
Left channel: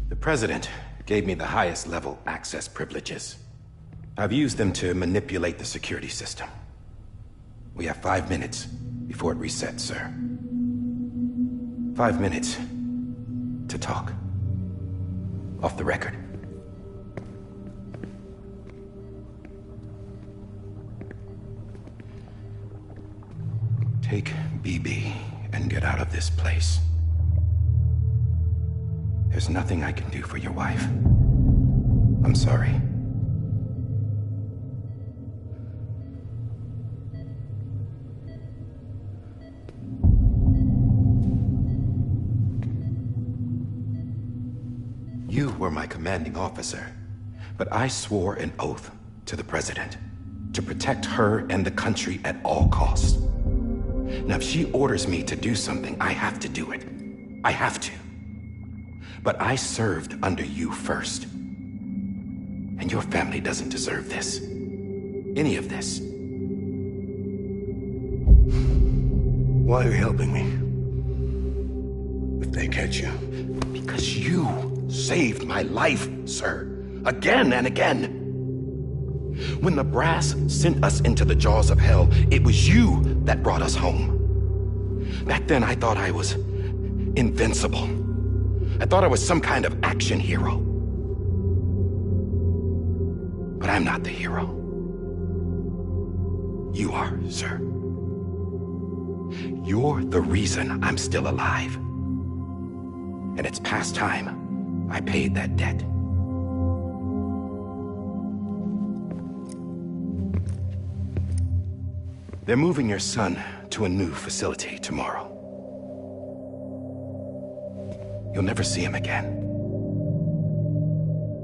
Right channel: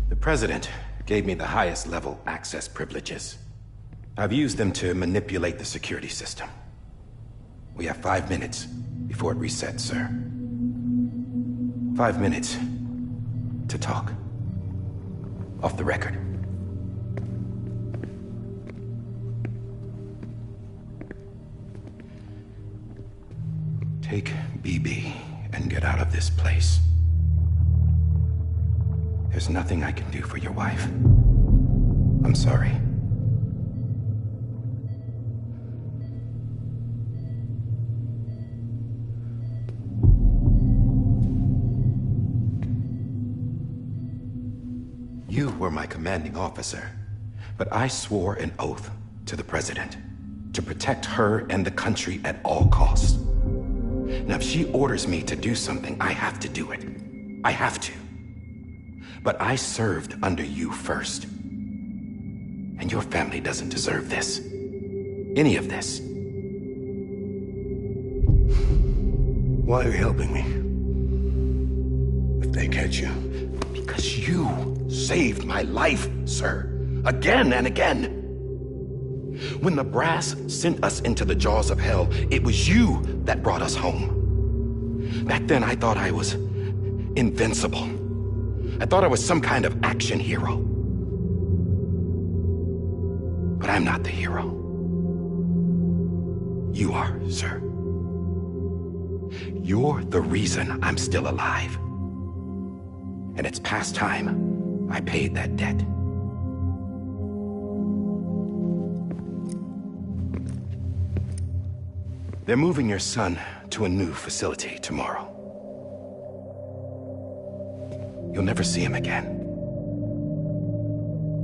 The President gave me the highest level access privileges. I've used them to manipulate the security system. We have 5 minutes before it resets, sir. 5 minutes to talk. Off the record. Take BB and get out of this place. There's nothing I can do for your wife. I'm sorry. You were my commanding officer, but I swore an oath to the President to protect her and the country at all costs. Now, if she orders me to do something, I have to do it. I have to. But I served under you first. And your family doesn't deserve this. Any of this. Why are you helping me? If they catch you. Because you saved my life, sir. Again and again. When the brass sent us into the jaws of hell, it was you that brought us home. Back then, I thought I was invincible. I thought I was some kind of action hero. But I'm not the hero. You are, sir. You're the reason I'm still alive. And it's past time I paid that debt. They're moving your son to a new facility tomorrow. You'll never see him again.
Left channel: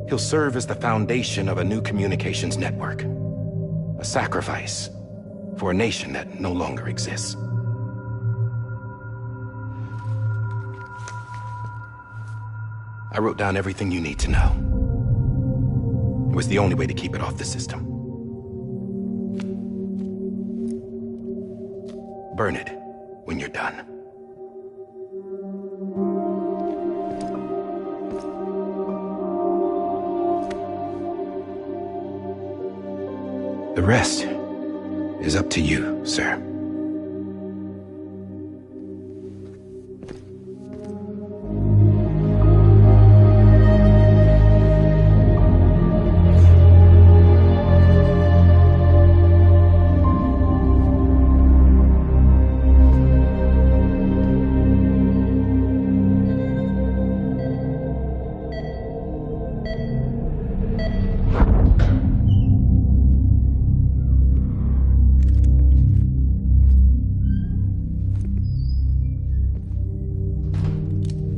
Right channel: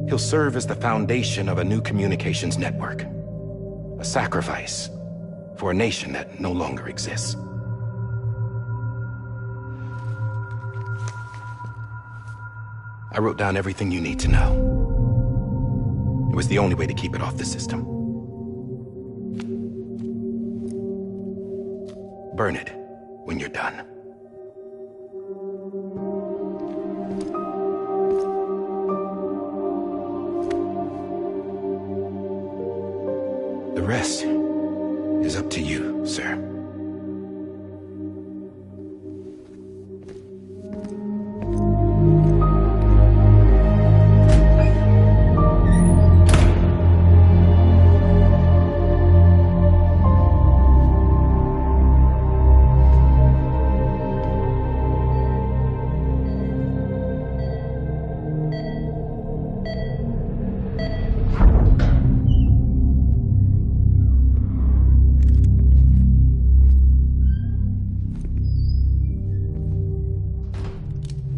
He'll serve as the foundation of a new communications network. A sacrifice for a nation that no longer exists. I wrote down everything you need to know. It was the only way to keep it off the system. Burn it when you're done. The rest is up to you, sir.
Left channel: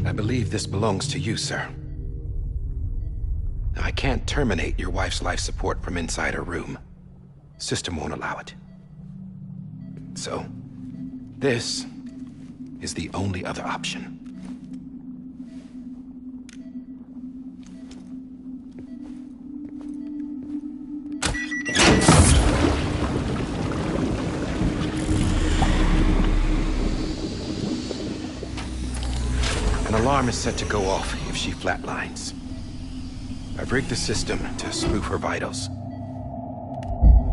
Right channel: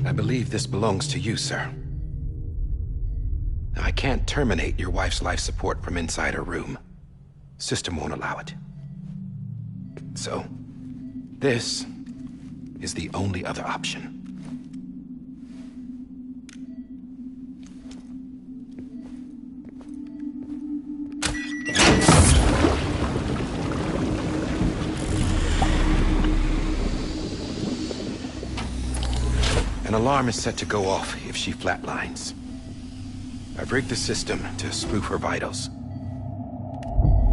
I believe this belongs to you, sir. I can't terminate your wife's life support from inside her room. System won't allow it. So, this is the only other option. An alarm is set to go off if she flatlines. I've rigged the system to spoof her vitals.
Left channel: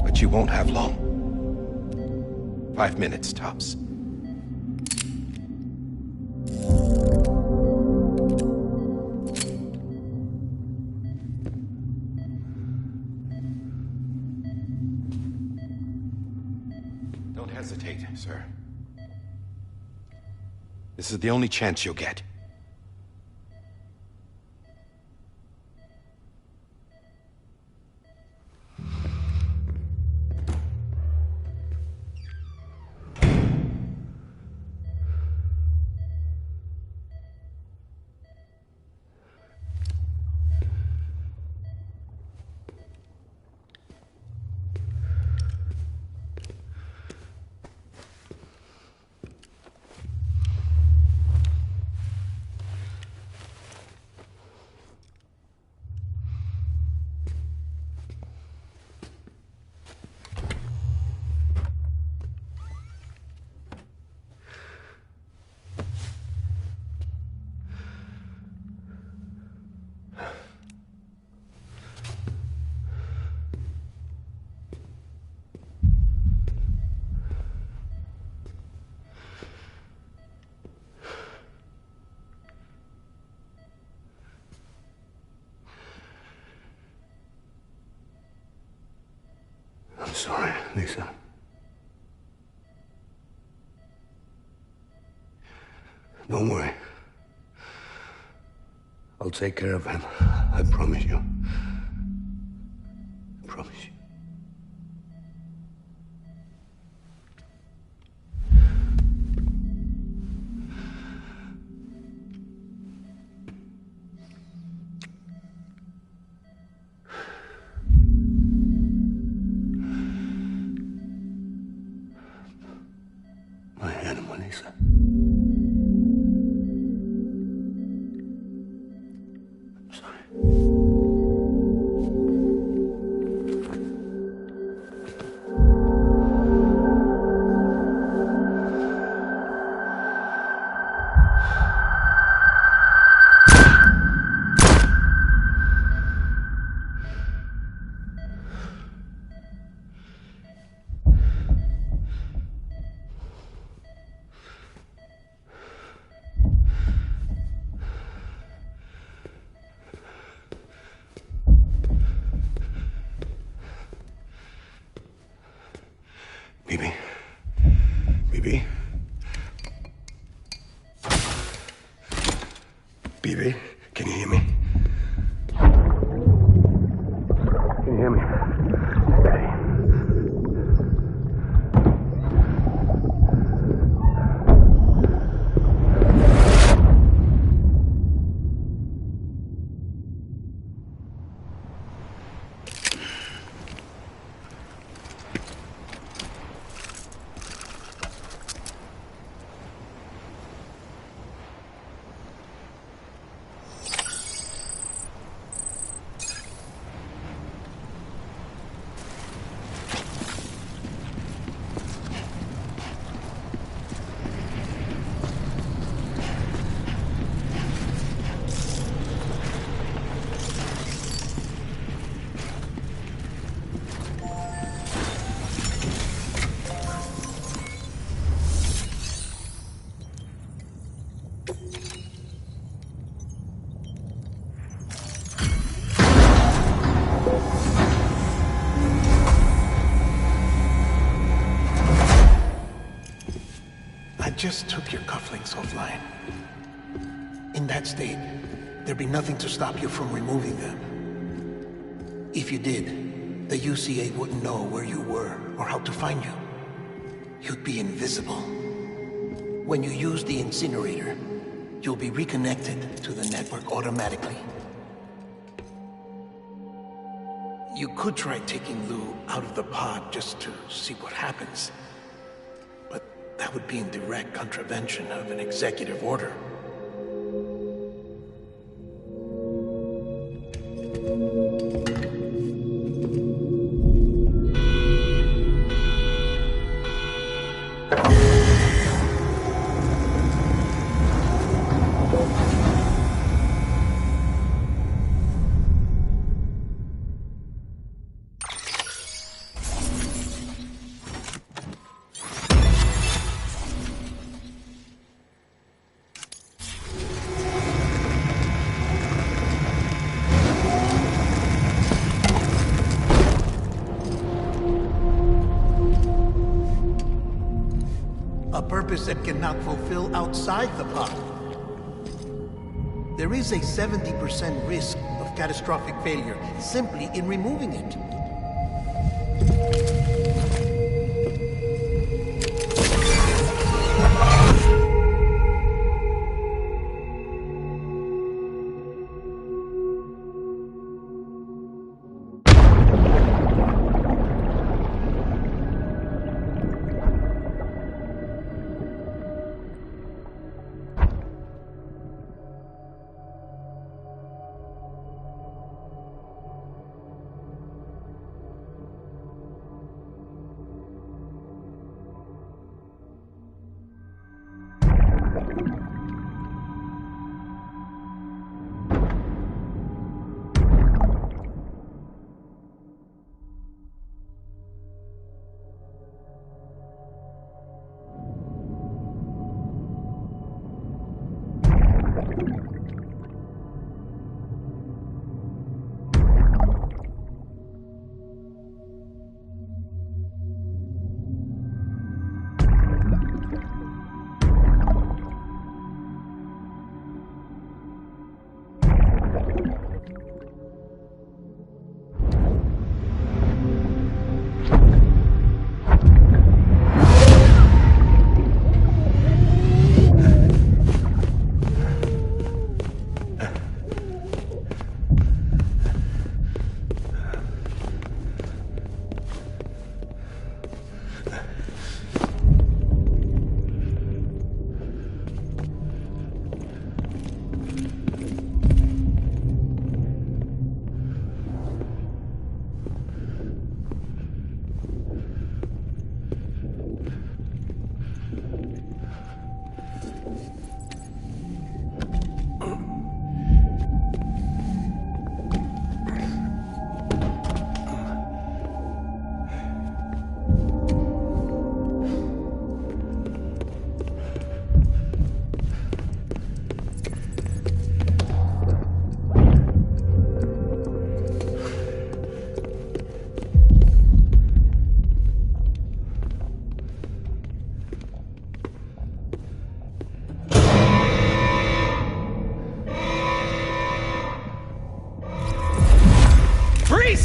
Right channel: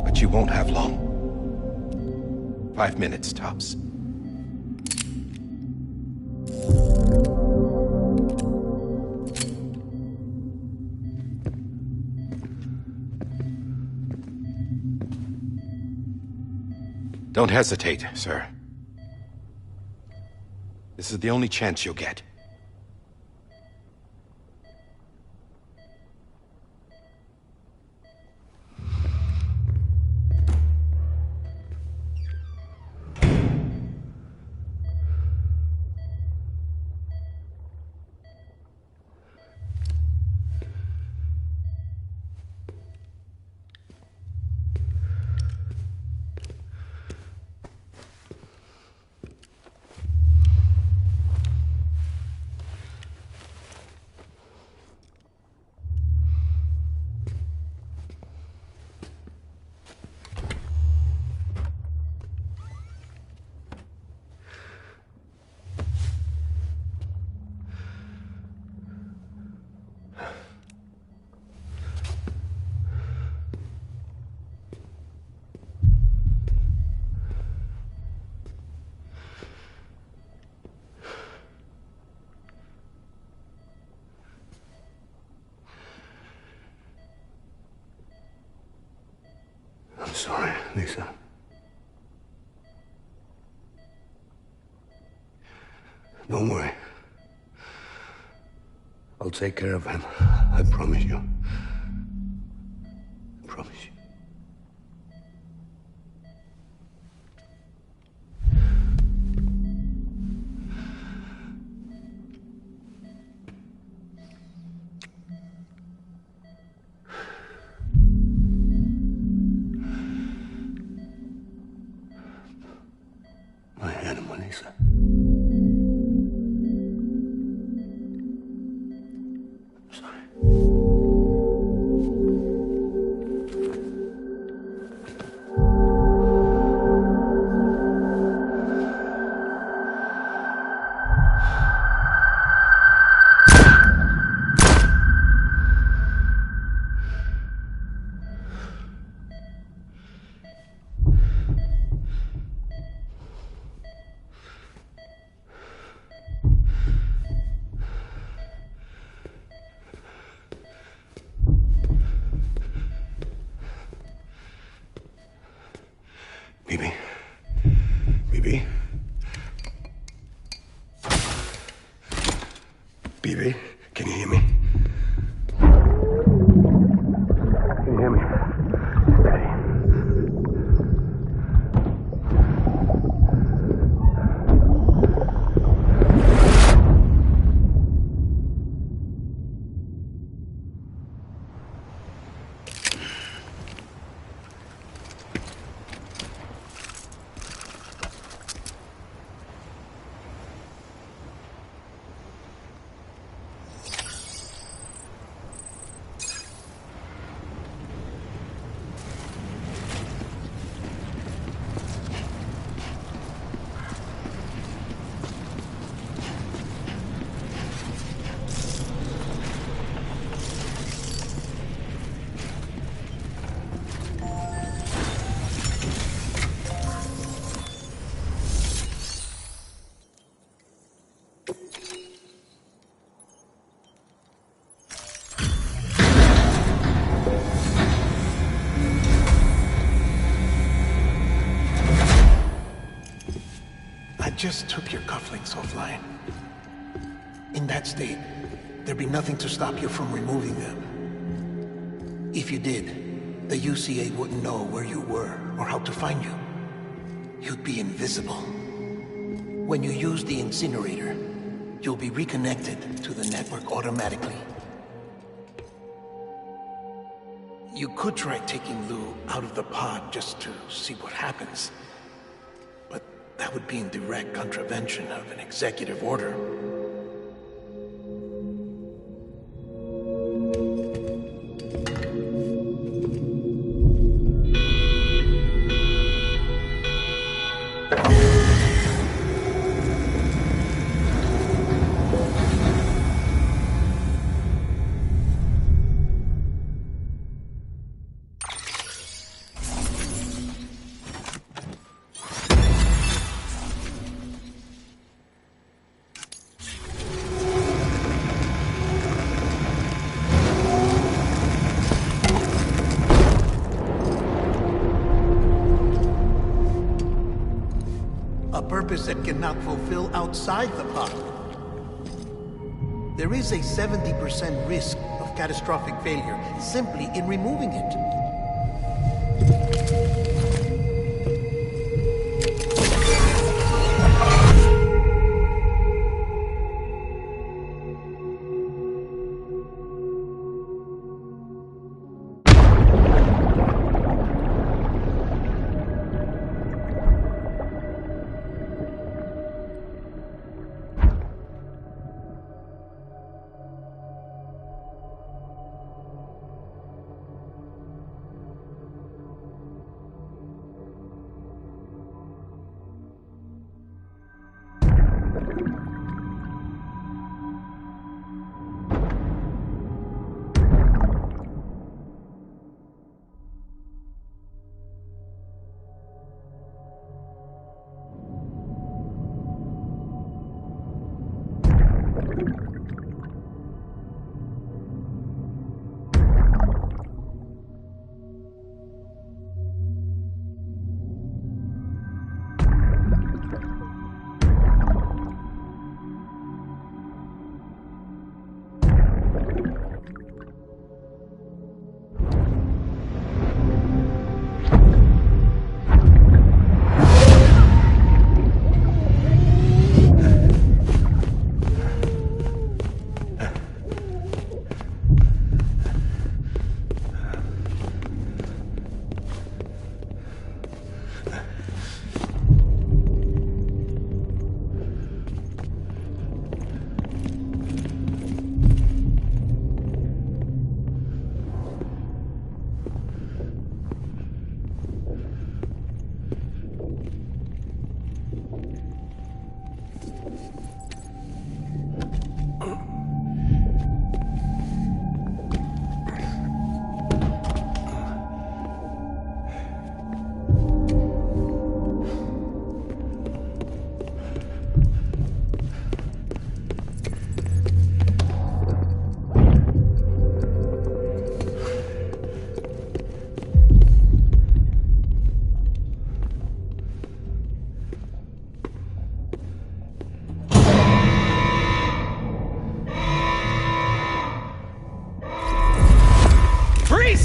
But you won't have long. 5 minutes, tops. Don't hesitate, sir. This is the only chance you'll get. I'm sorry, Lisa. Don't worry. I'll take care of him. I promise you. I promise you. My animal, Lisa. I'm sorry. Bibi? Bibi? Bibi, can you hear me? Can you hear me? Steady. just took your cufflinks offline. In that state, there'd be nothing to stop you from removing them. If you did, the UCA wouldn't know where you were or how to find you. You'd be invisible. When you use the incinerator, you'll be reconnected to the network automatically. You could try taking Lou out of the pod just to see what happens. But that would be in direct contravention of an executive order. A purpose that cannot fulfill outside the pod. There is a 70% risk of catastrophic failure simply in removing it.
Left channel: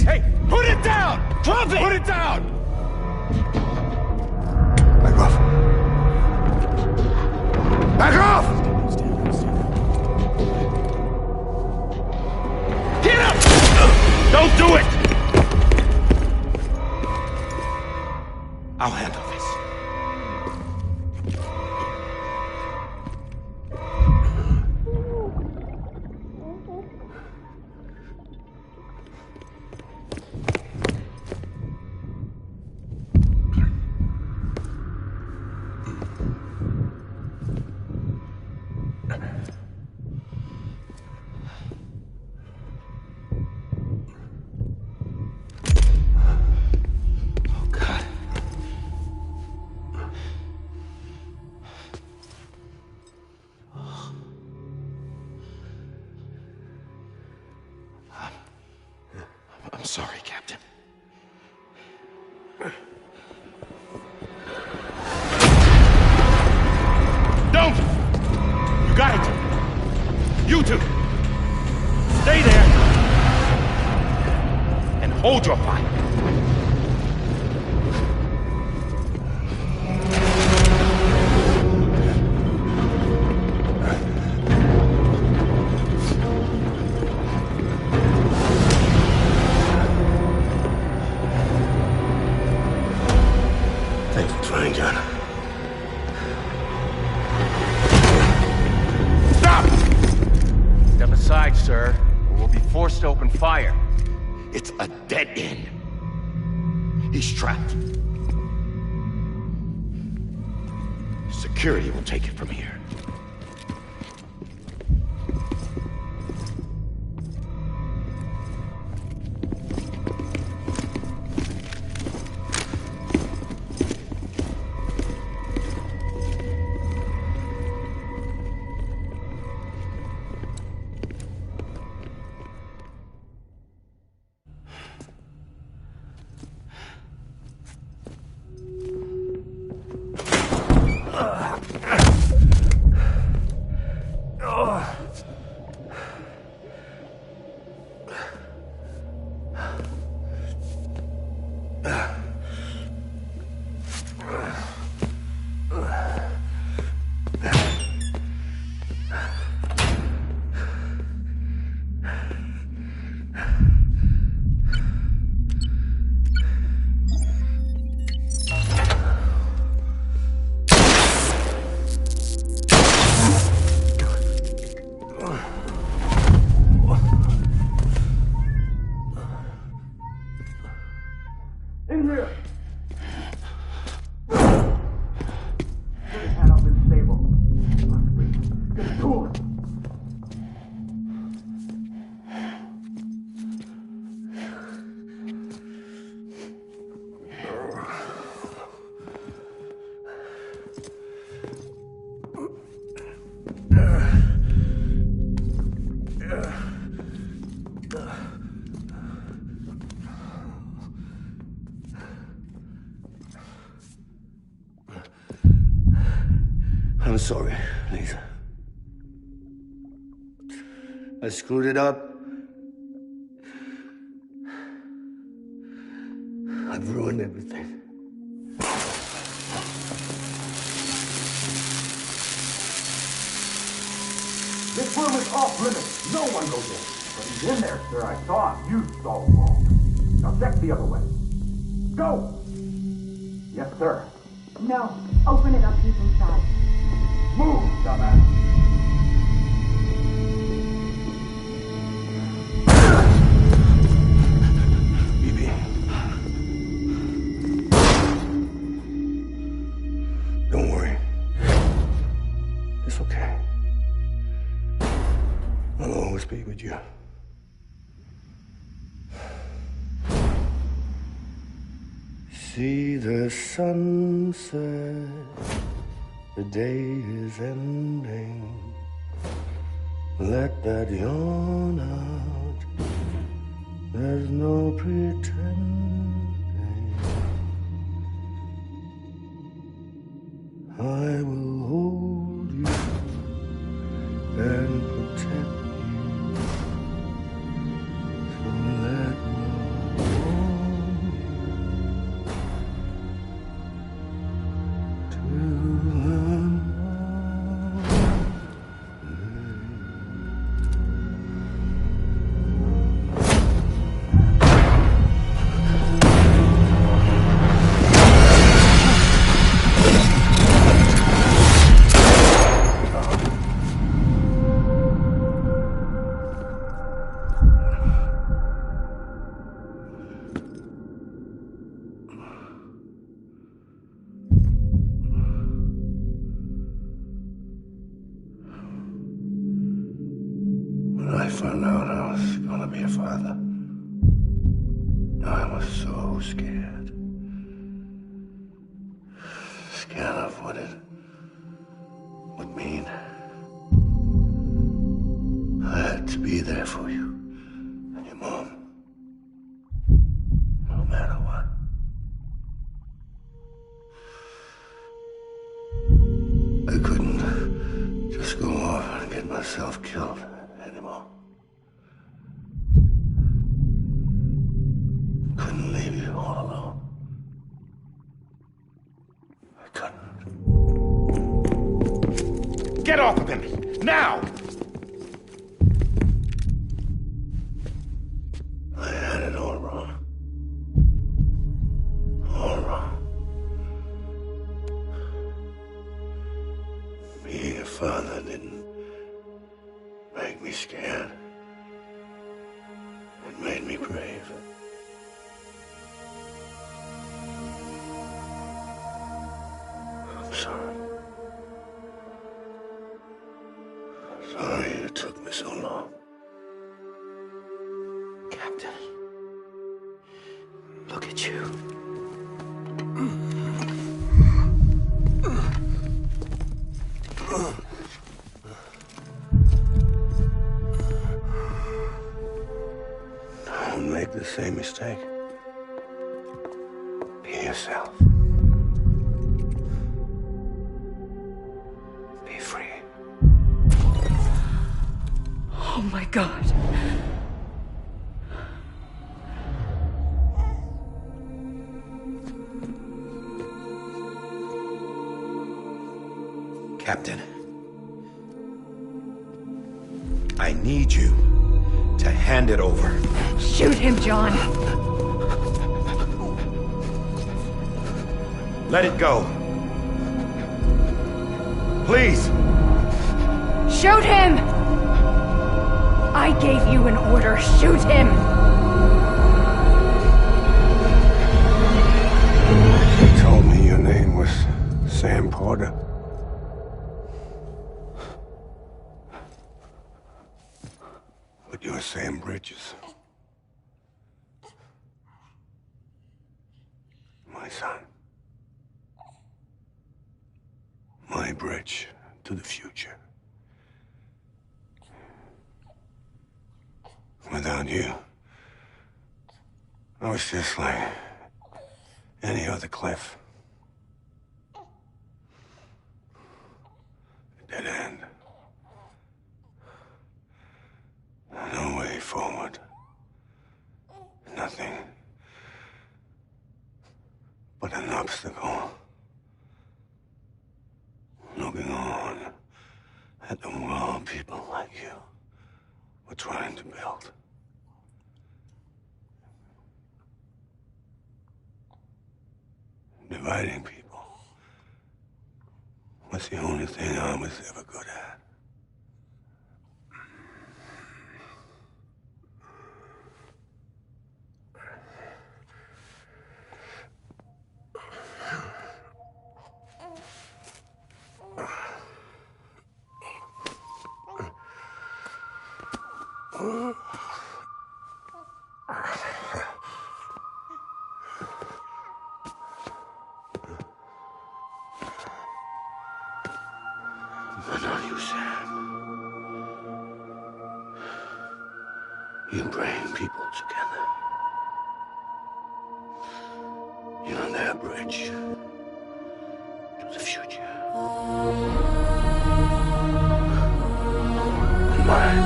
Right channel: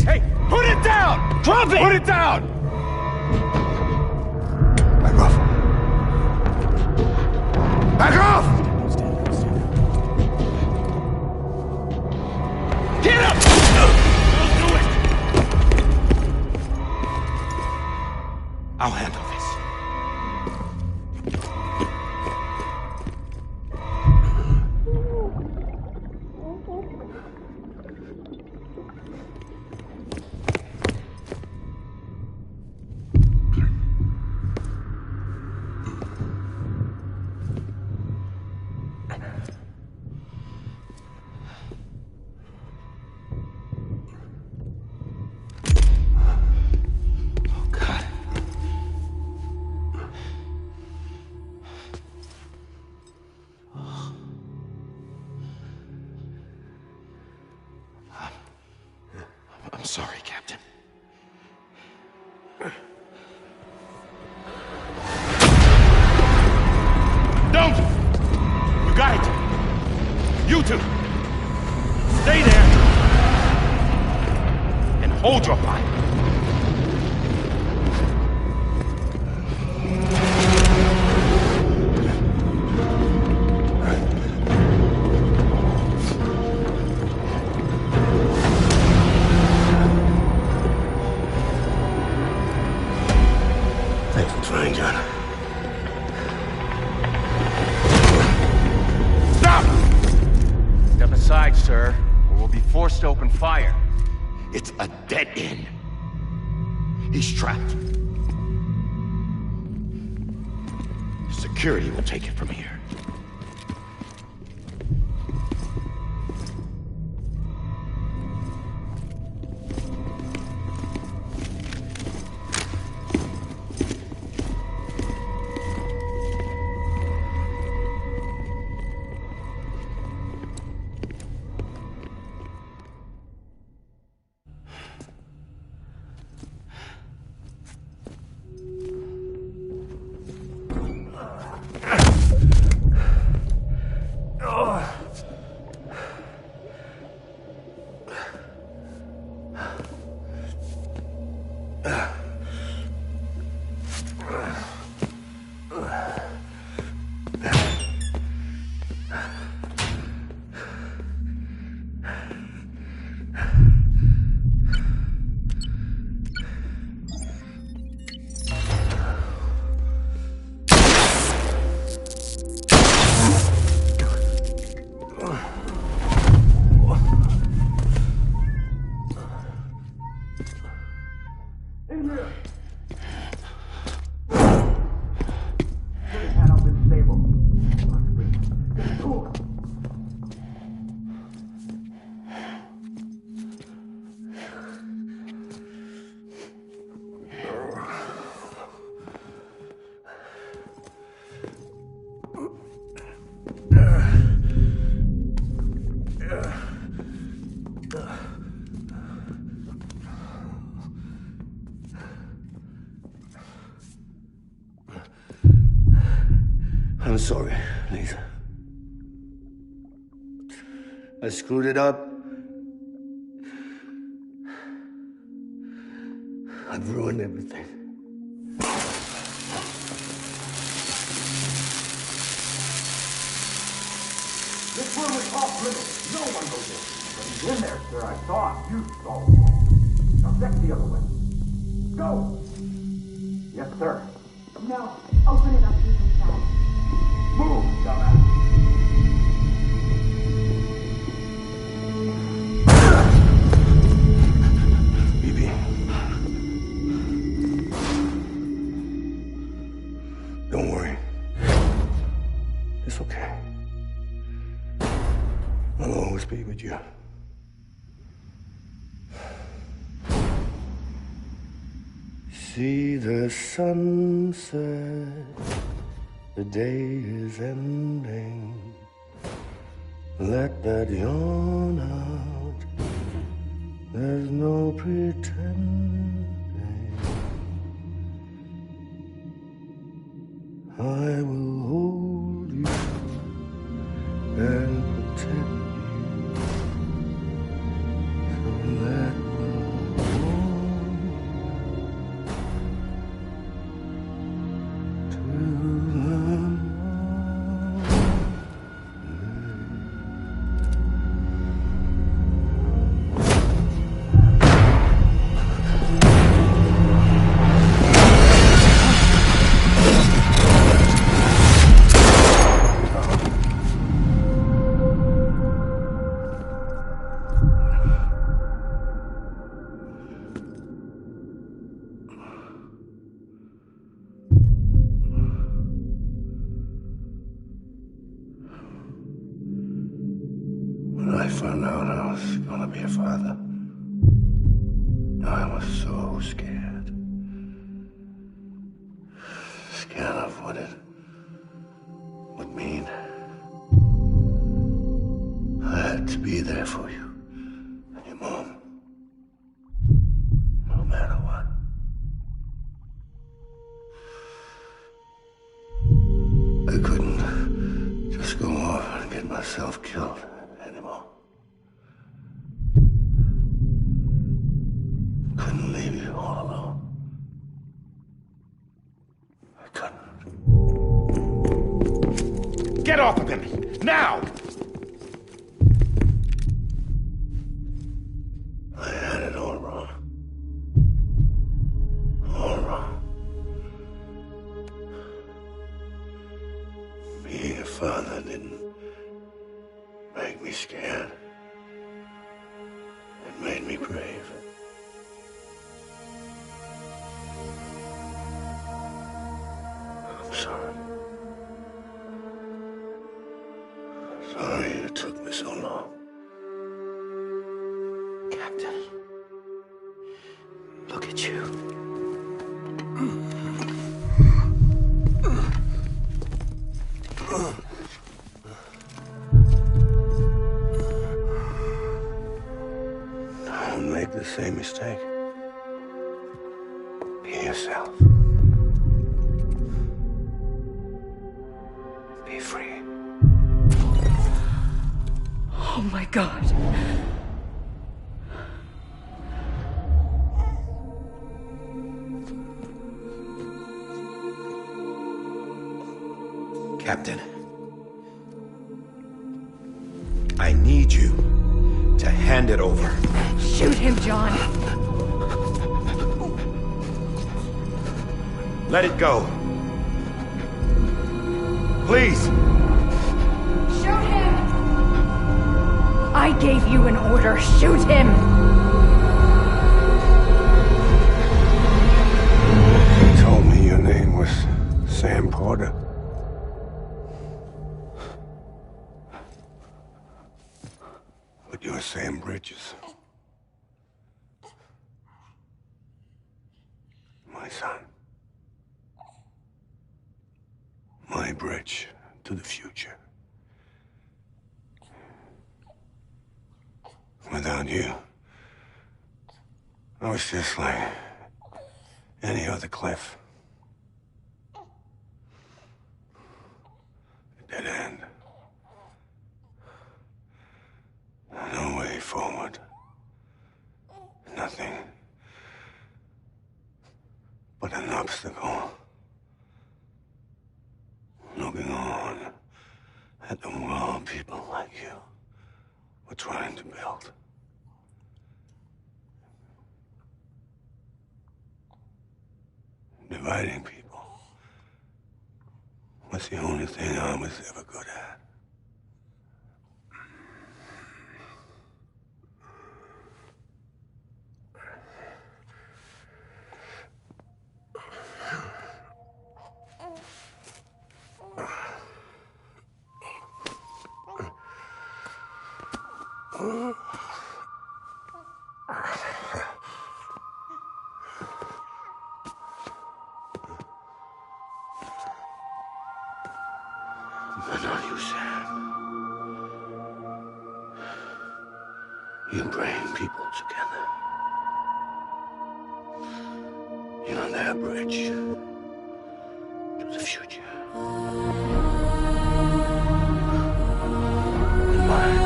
Hey, put it down! Drop it! Put it down! Back off. Back off! Get up! Don't do it! I'll handle this. I'm sorry, Captain. got it! You two! Stay there! And hold your fire! Thanks for trying, John. Stop! Step aside, sir, or we'll be forced to open fire. It's a dead end. He's trapped. Security will take it from here. I'm sorry, Lisa. I screwed it up. I've ruined everything. This room is off limits. No one goes in. But he's in there, sir. I saw him. You saw him all. Now check the other way. Go! Yes, sir. No. Open it up. He's inside. Move, dumbass. BB. Don't worry. It's okay. I'll always be with you. See the sunset. The day is ending. Let that yawn out. There's no pretending. I will hold you and protect you. So let love warm you to the When I found out I was gonna be a father, I was so scared. Scared of what it would mean. I had to be there for you and your mom, no matter what. I couldn't just go off get myself killed anymore. Couldn't leave you all alone. I couldn't. Get off of him! Now! I had it all wrong. All wrong. Being a father didn't make me scared. It made me brave. I'm sorry. Sorry it took me so long. Captain, look at you. Don't make the same mistake. Be yourself. Be free. Oh my God. Captain, I need you to hand it over. Shoot him, John. Let it go. Please. Shoot him! I gave you an order. Shoot him! You told me your name was Sam Porter. But you're Sam Bridges. My son. My bridge to the future. Without you, I was just like any other Cliff. A dead end. No way forward. Nothing but an obstacle. Looking on at the world people like you were trying to build. Dividing people was the only thing I was ever good at. But not you, Sam. You bring people together. You're their bridge to the future. And mine.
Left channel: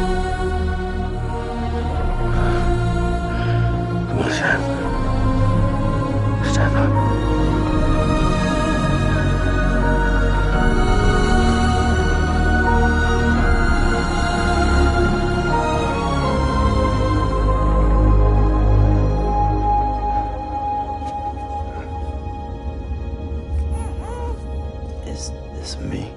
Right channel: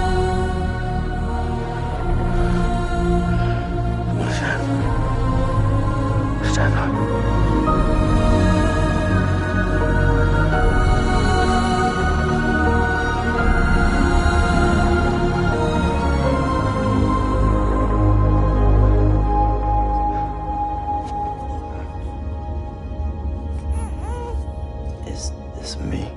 Come on, Sam. Stand up. Is this me?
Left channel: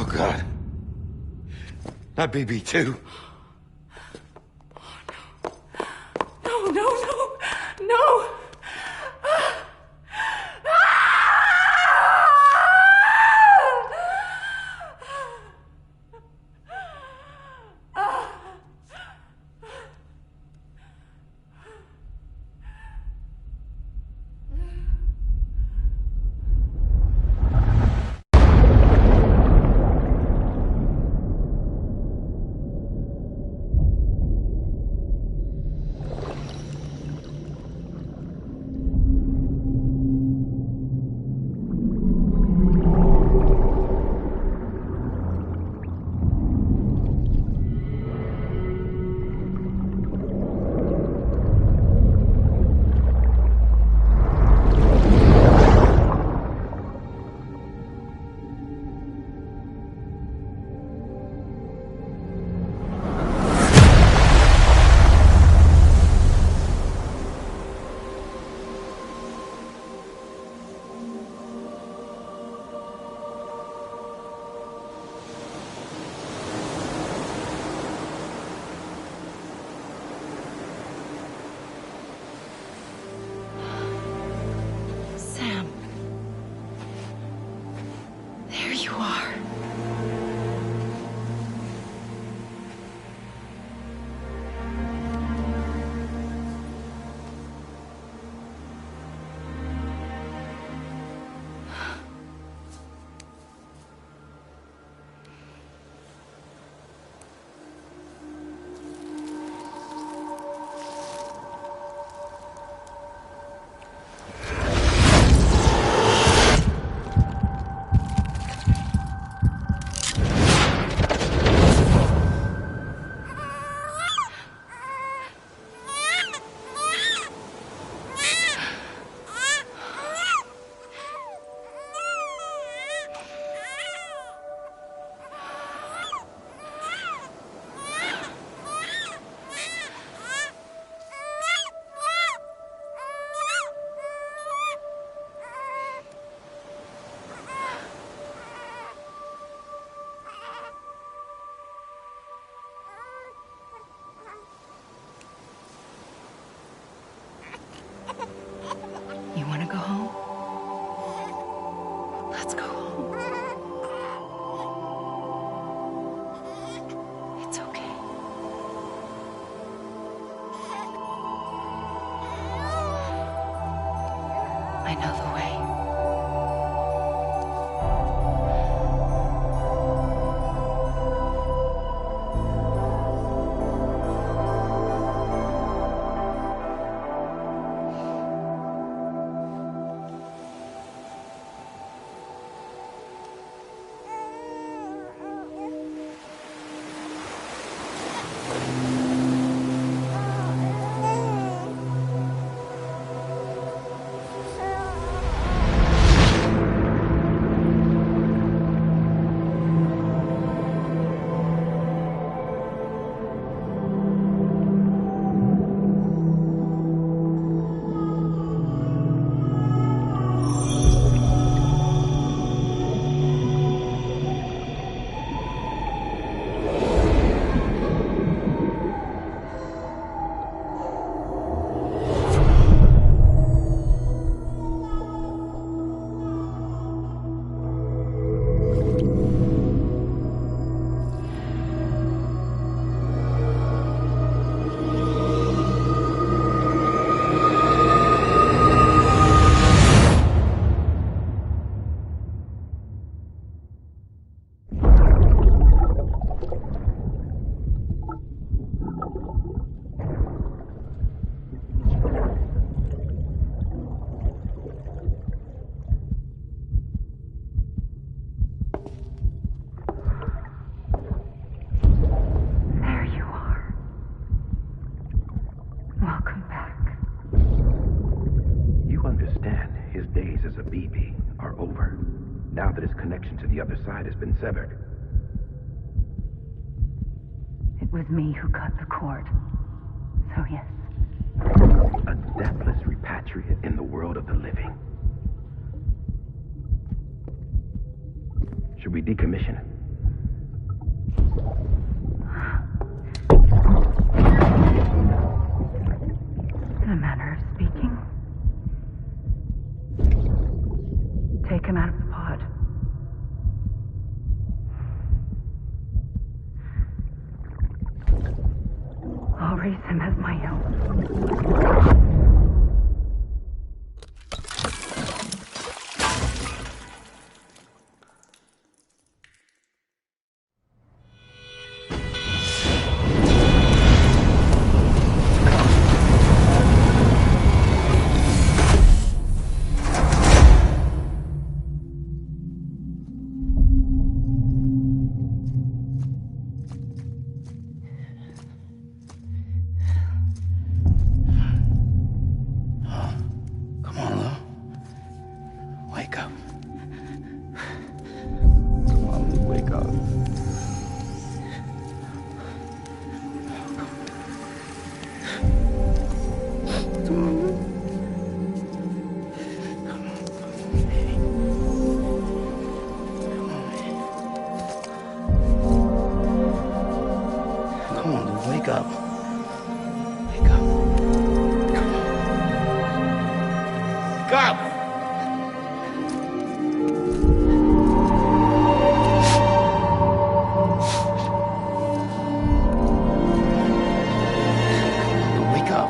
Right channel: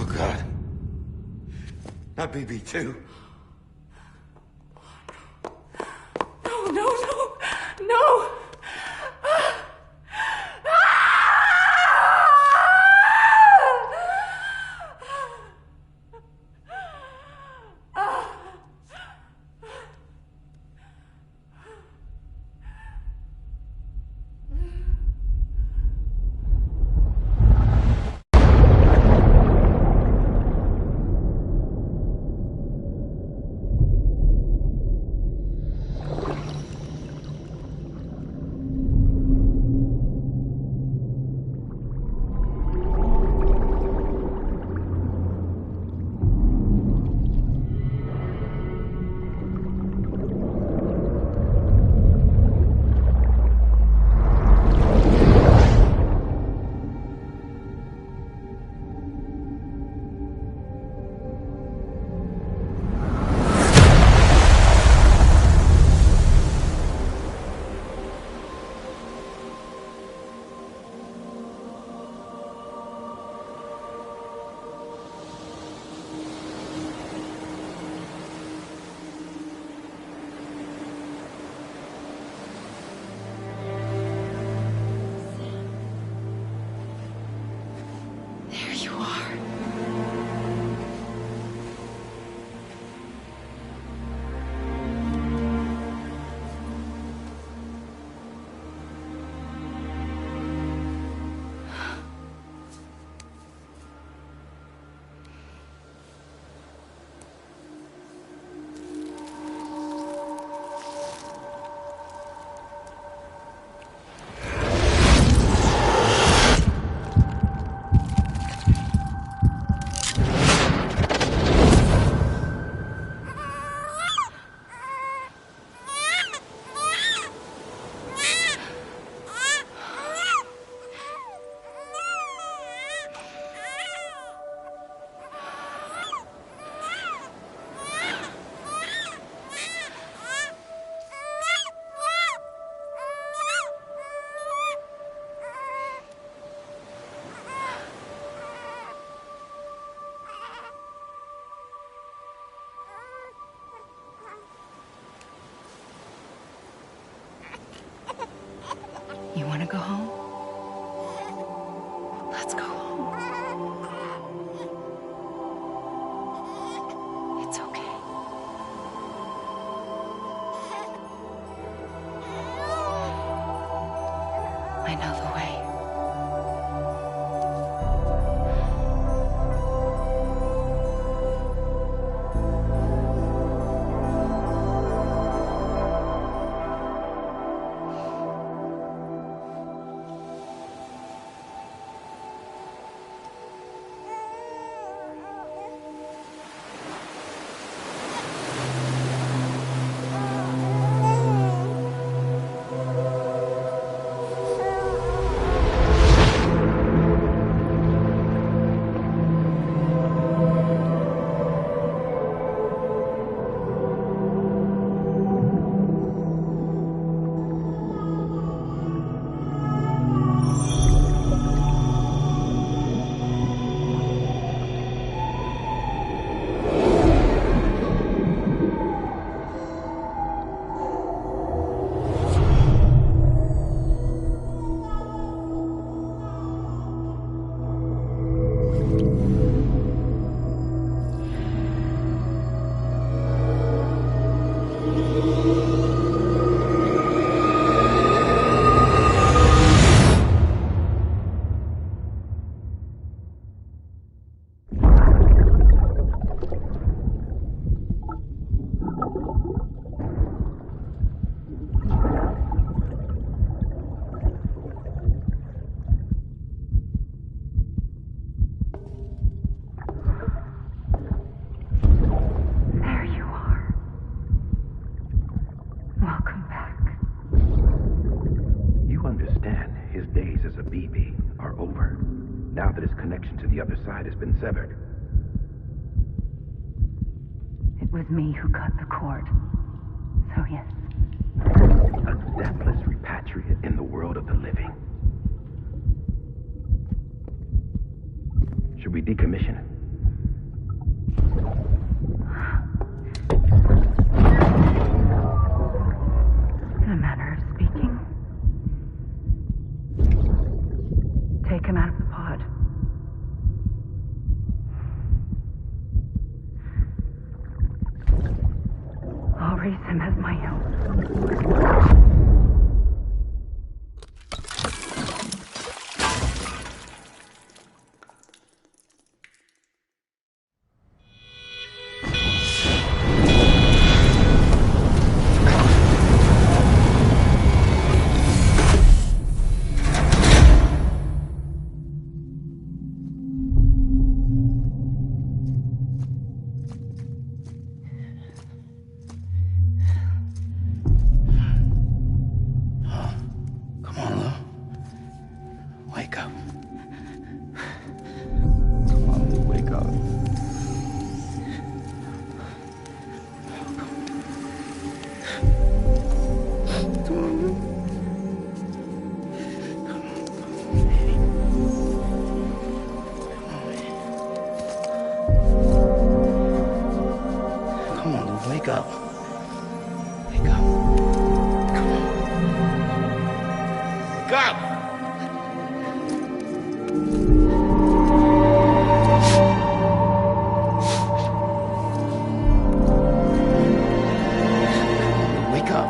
Oh, God. Not BB2. No! Sam. There you are. You want to go home? Let's go home. It's okay. I know the way. now that his connection to the other side has been severed. It was me who cut the cord. So yes. A deathless repatriate in the world of the living. Should we decommission him? In a manner of speaking. I'll raise him as my own. Come on, Lou. Wake up. Come on, Lou, wake up. Come on, Lou. Come on, Lou, wake up. Wake up. Come on. Wake up! Wake up.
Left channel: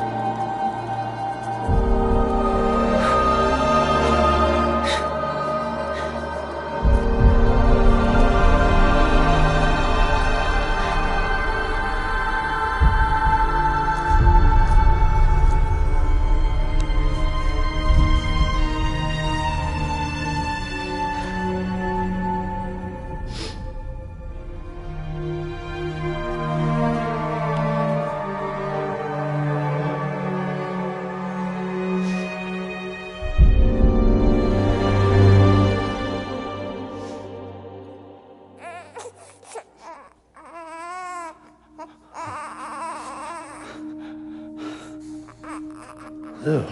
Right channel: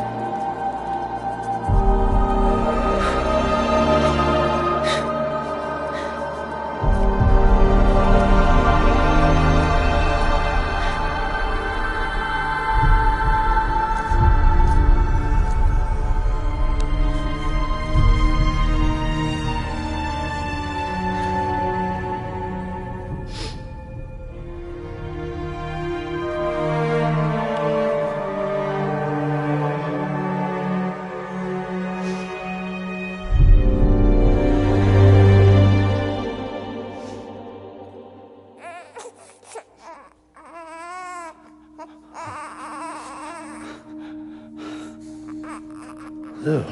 Lou.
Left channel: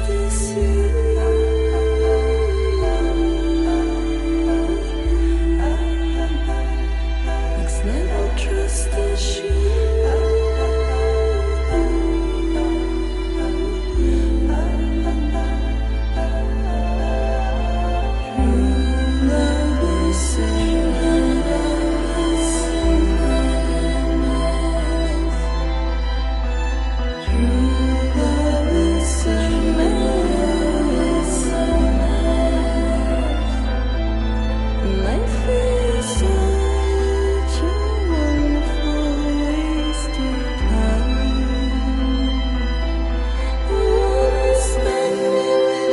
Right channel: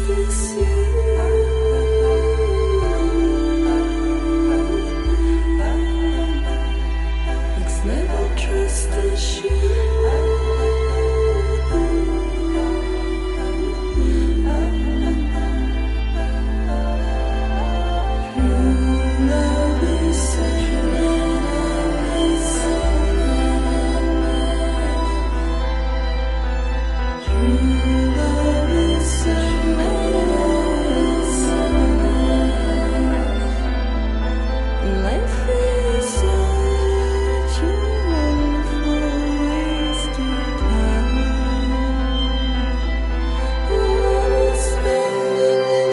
this you? Next level trust issue. Life is such a wonderful waste of time. All is spending with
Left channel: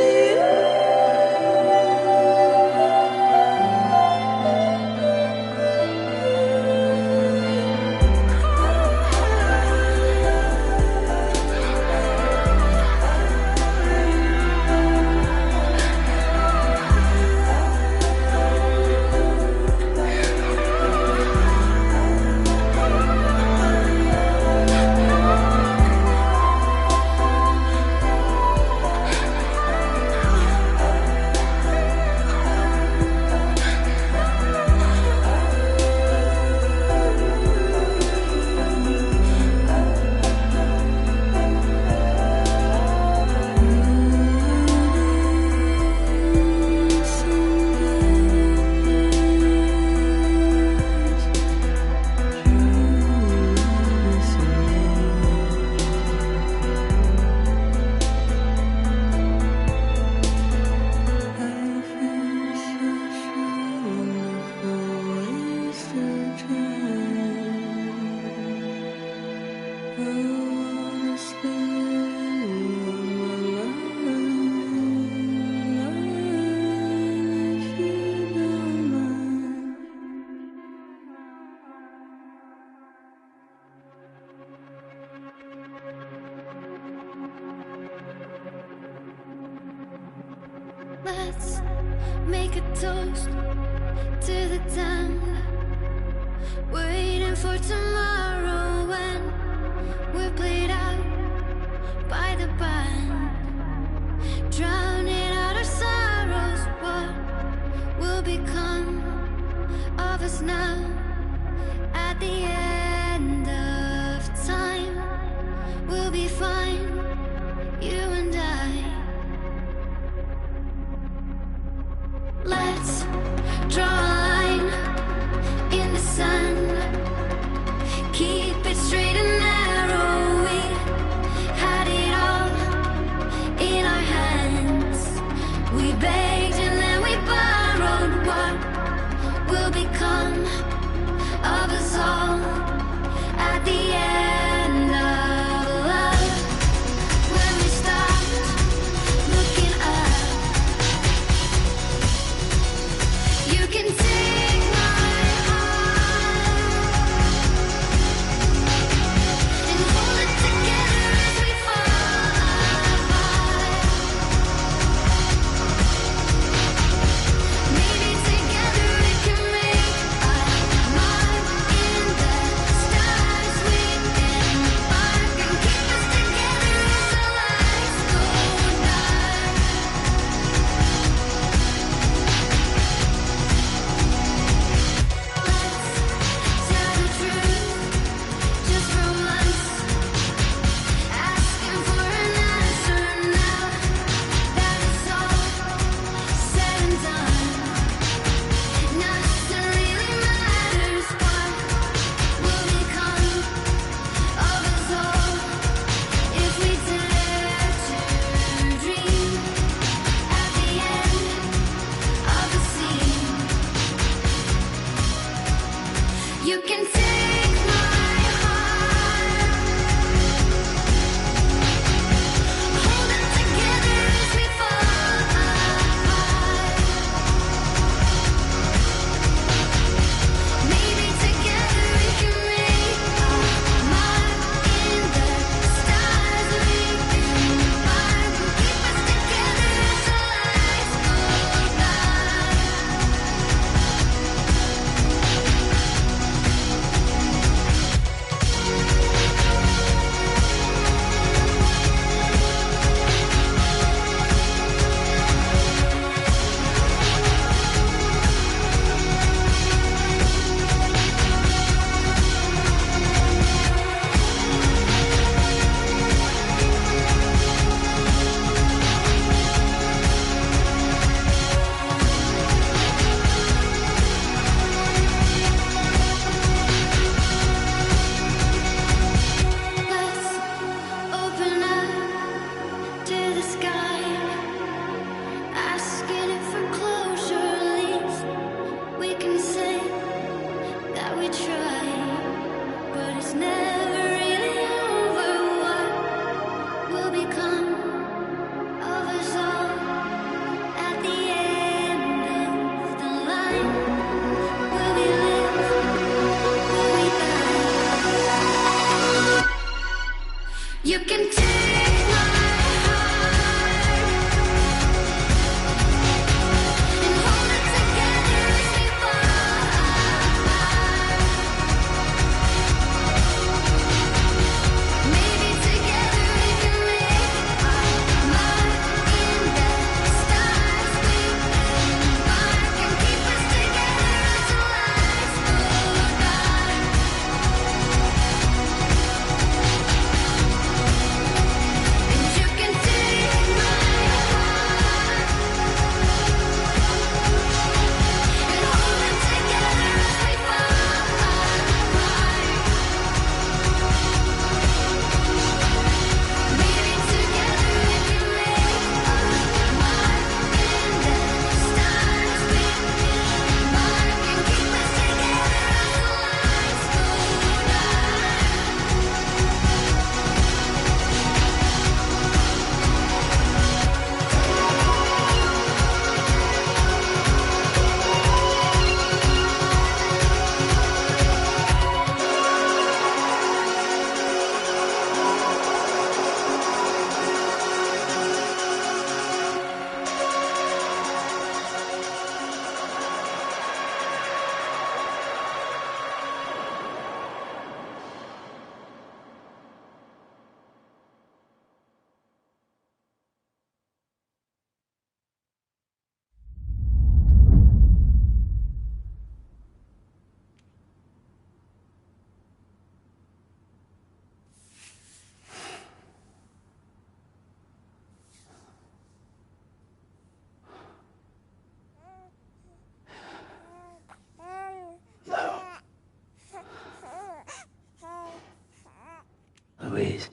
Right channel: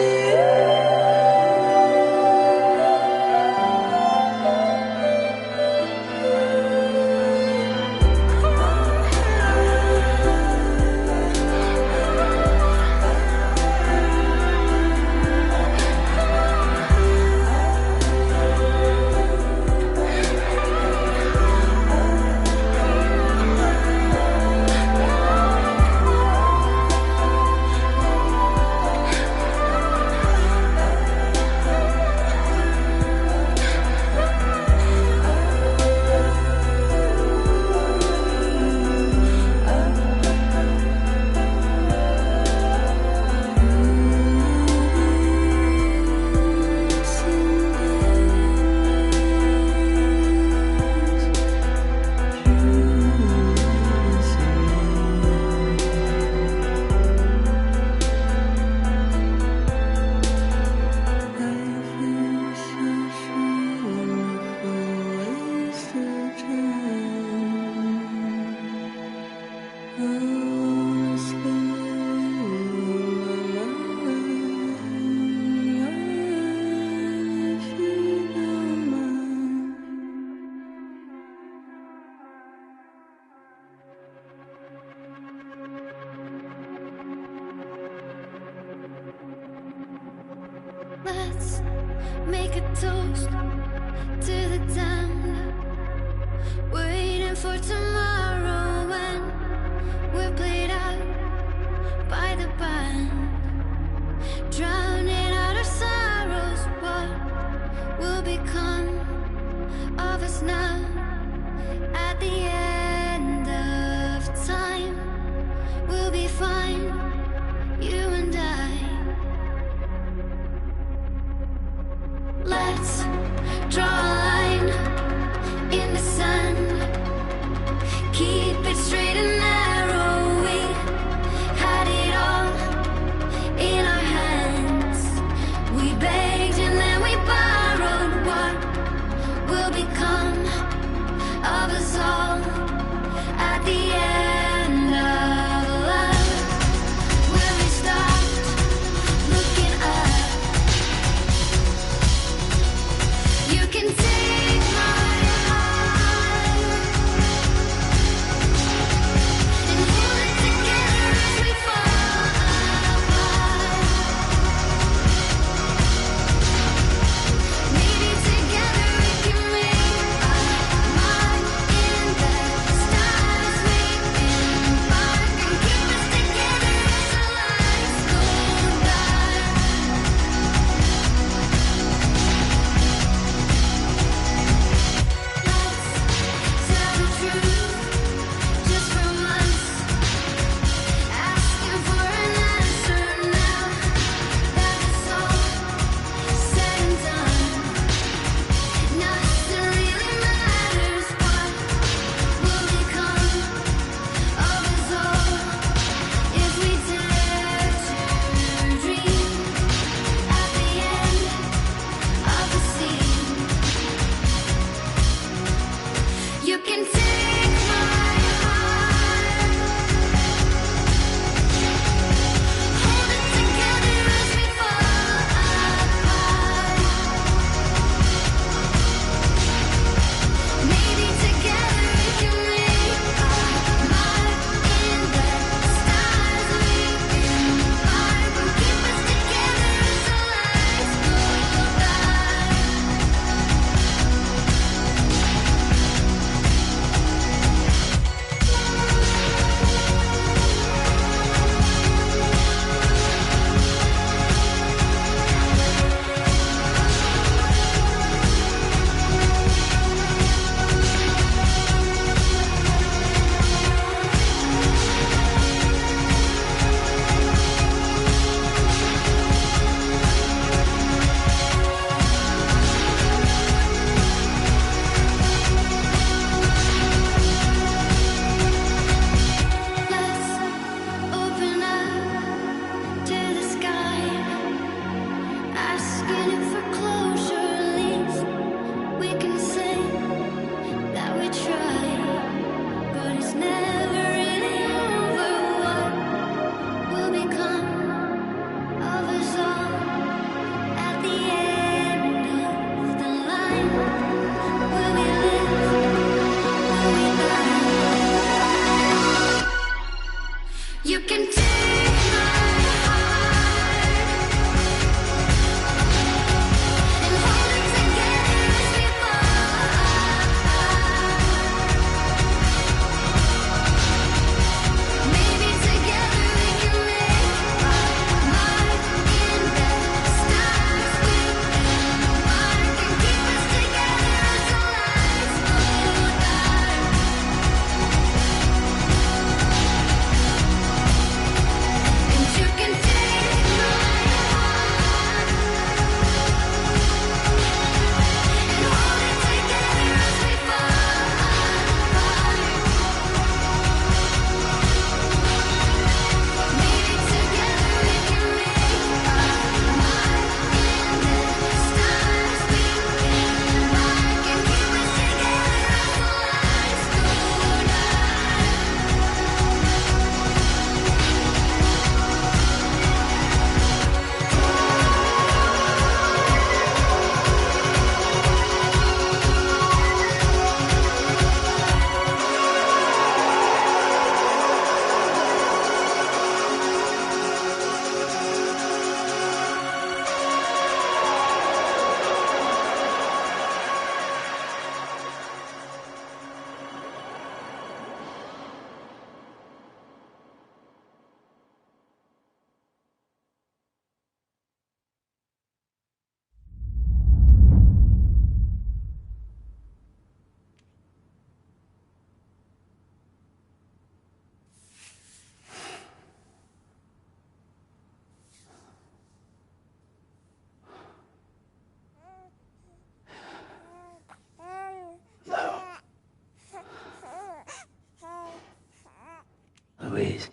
Let's make a toast to the damned, waiting for tomorrow when we're played out by the band, drowning out our sorrows. What will become of us now at the end of time? We'll be fine, you and I. Let's draw a line in the sand, keep it straight and narrow. We had it all in our hands. We begged and then we borrowed. What will become of us all at the end of love? When we stopped looking up, you can take my heart. Louise.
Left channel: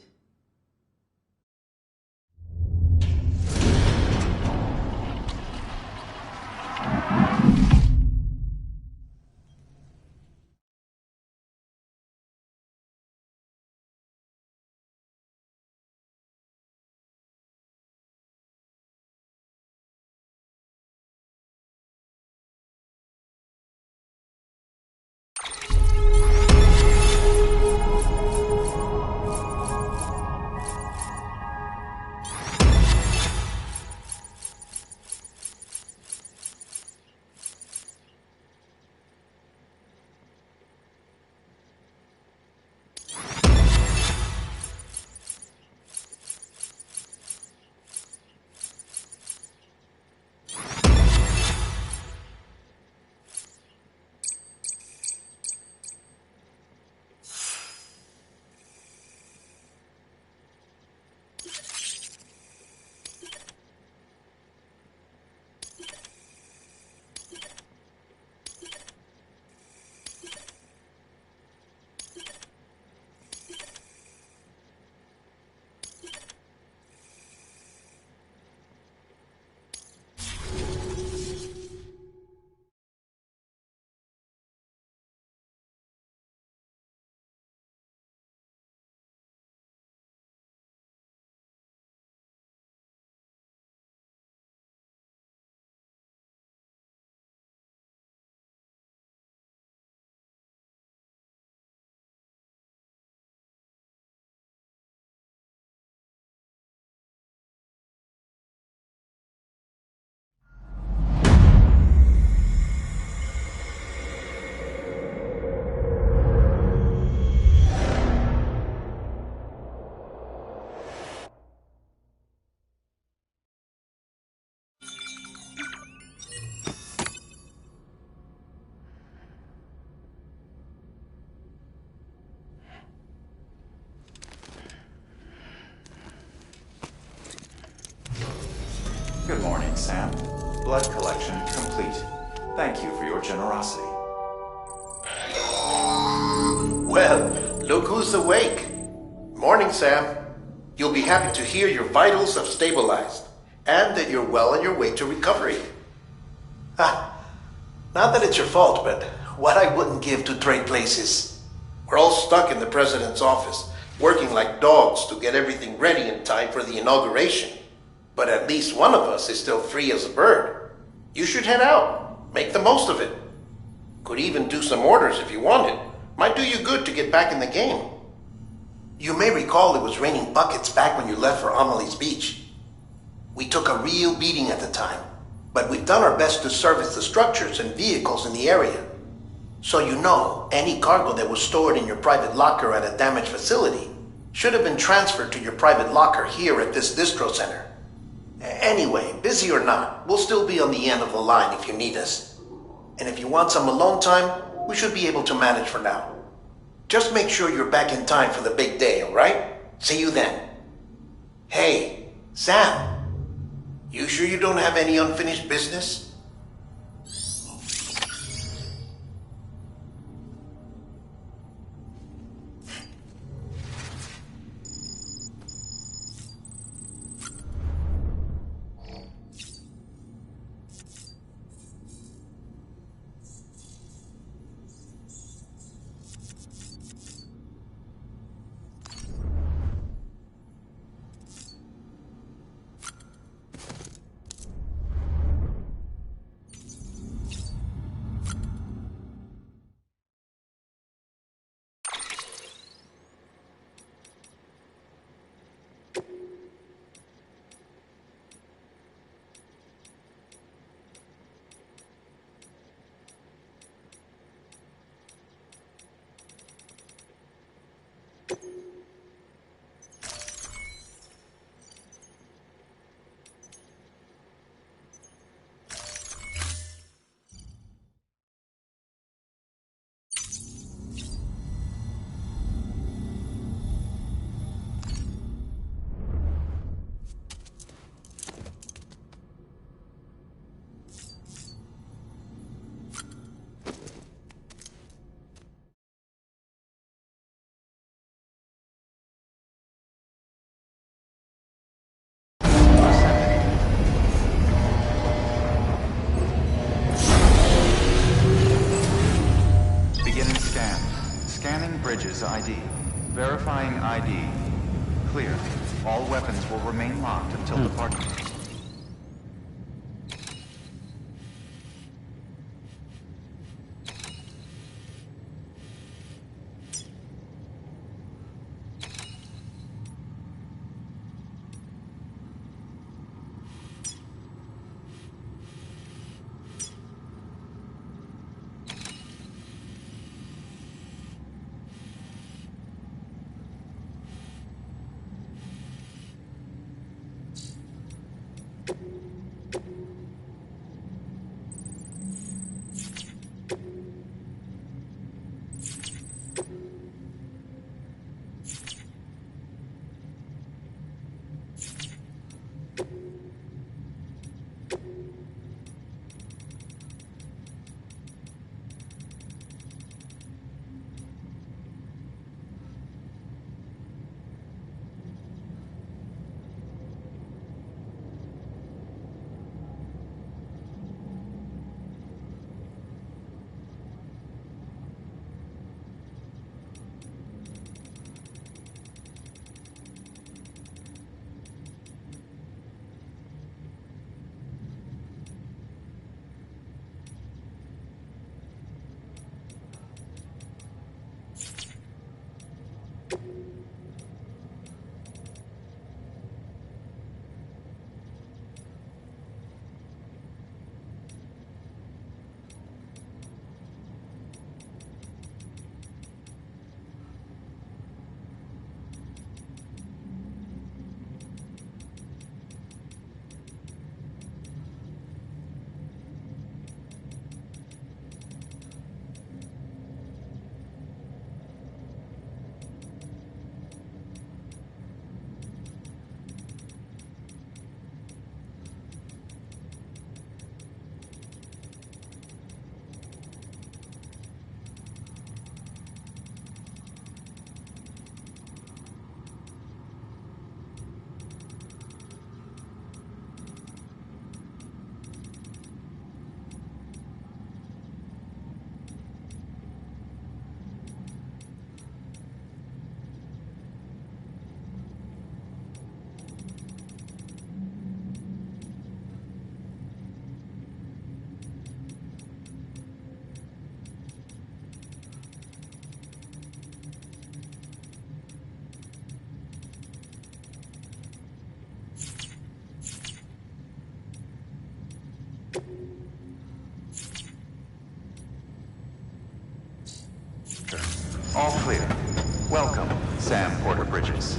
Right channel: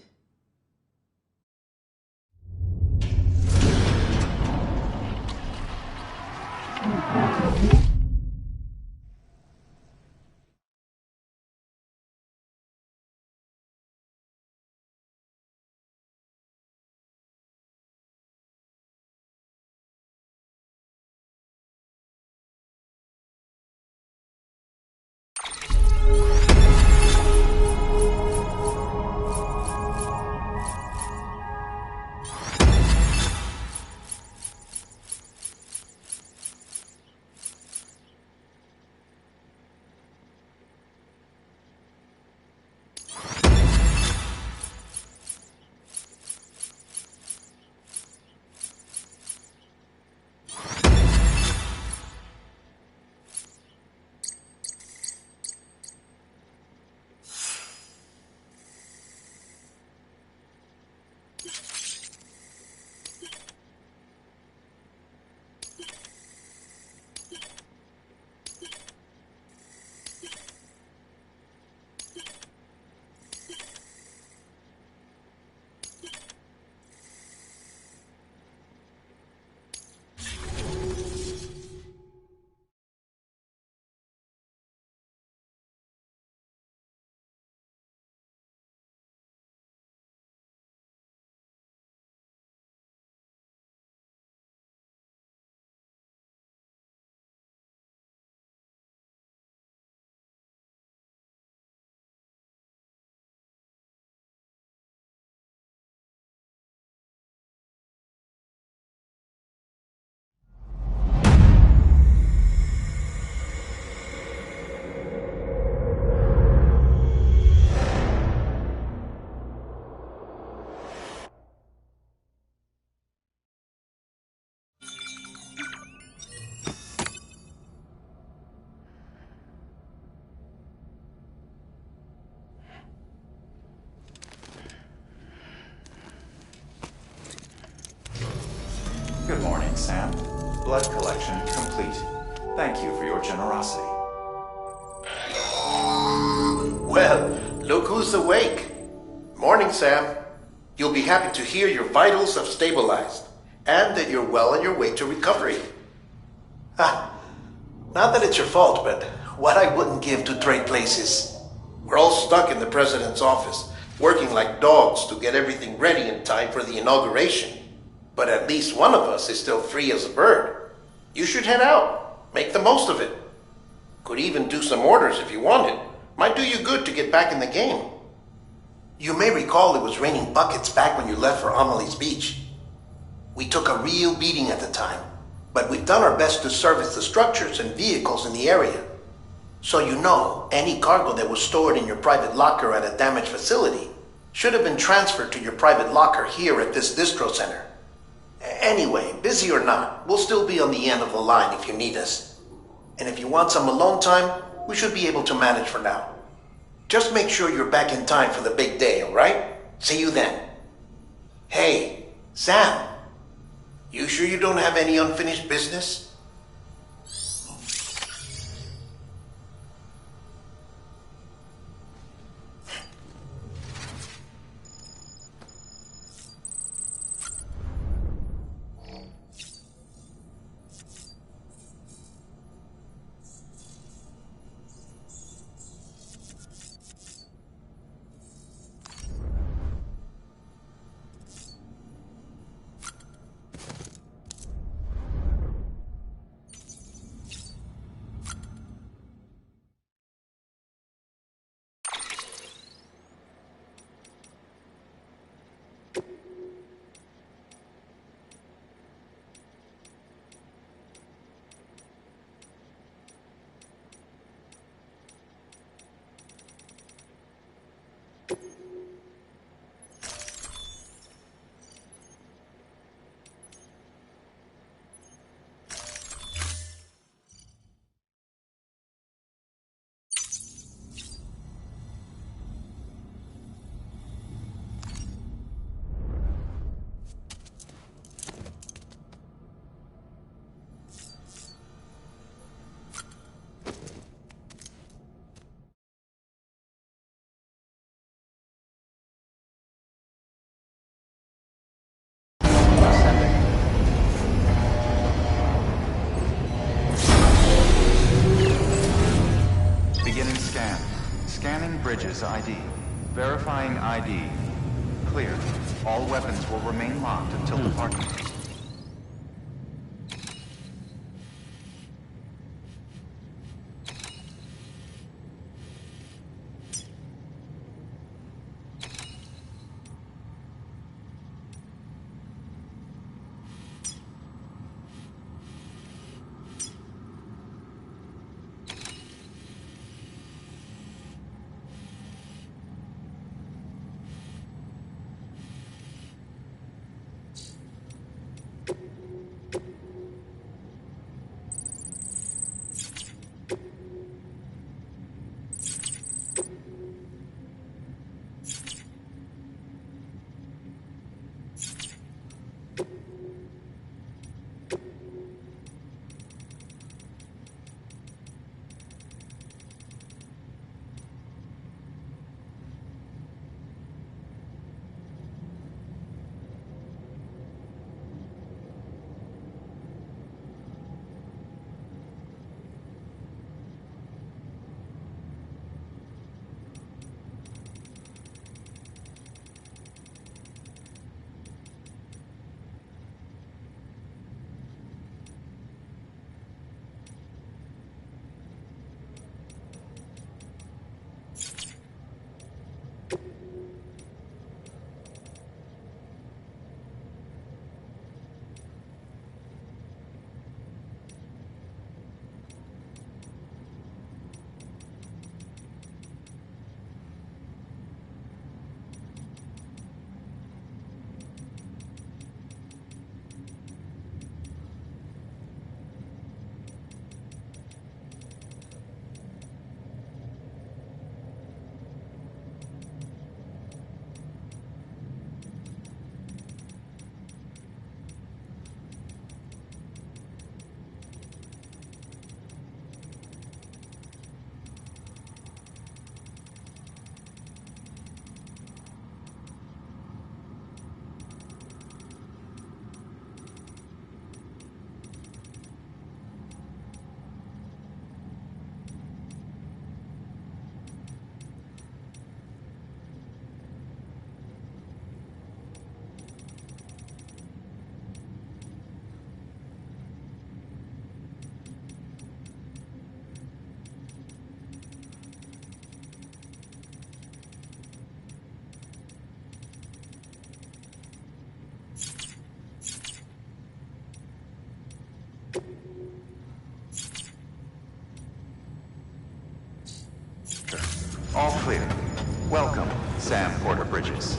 Good morning, Sam. Blood collection complete. Thank you for your generosity. Well, look who's awake. Morning, Sam. You'll be happy to hear your vitals have stabilized, and that you're well on your way to recovery. Not that it's your fault, but what I wouldn't give to trade places. We're all stuck in the president's office, working like dogs to get everything ready in time for the inauguration. But at least one of us is still free as a bird. You should head out. Make the most of it. Could even do some orders if you wanted. Might do you good to get back in the game. You may recall it was raining buckets back when you left for Amelie's Beach. We took a real beating at the time, but we've done our best to service the structures and vehicles in the area. So you know, any cargo that was stored in your private locker at a damaged facility should have been transferred to your private locker here at this distro center. Anyway, busy or not, we'll still be on the end of the line if you need us. And if you want some alone time, we should be able to manage for now. Just make sure you're back in time for the big day, alright? See you then. Hey, Sam. You sure you don't have any unfinished business? Bridges ID. Verifying ID. Clear. All weapons will remain locked until departure. All clear. Welcome, Sam Porter Bridges.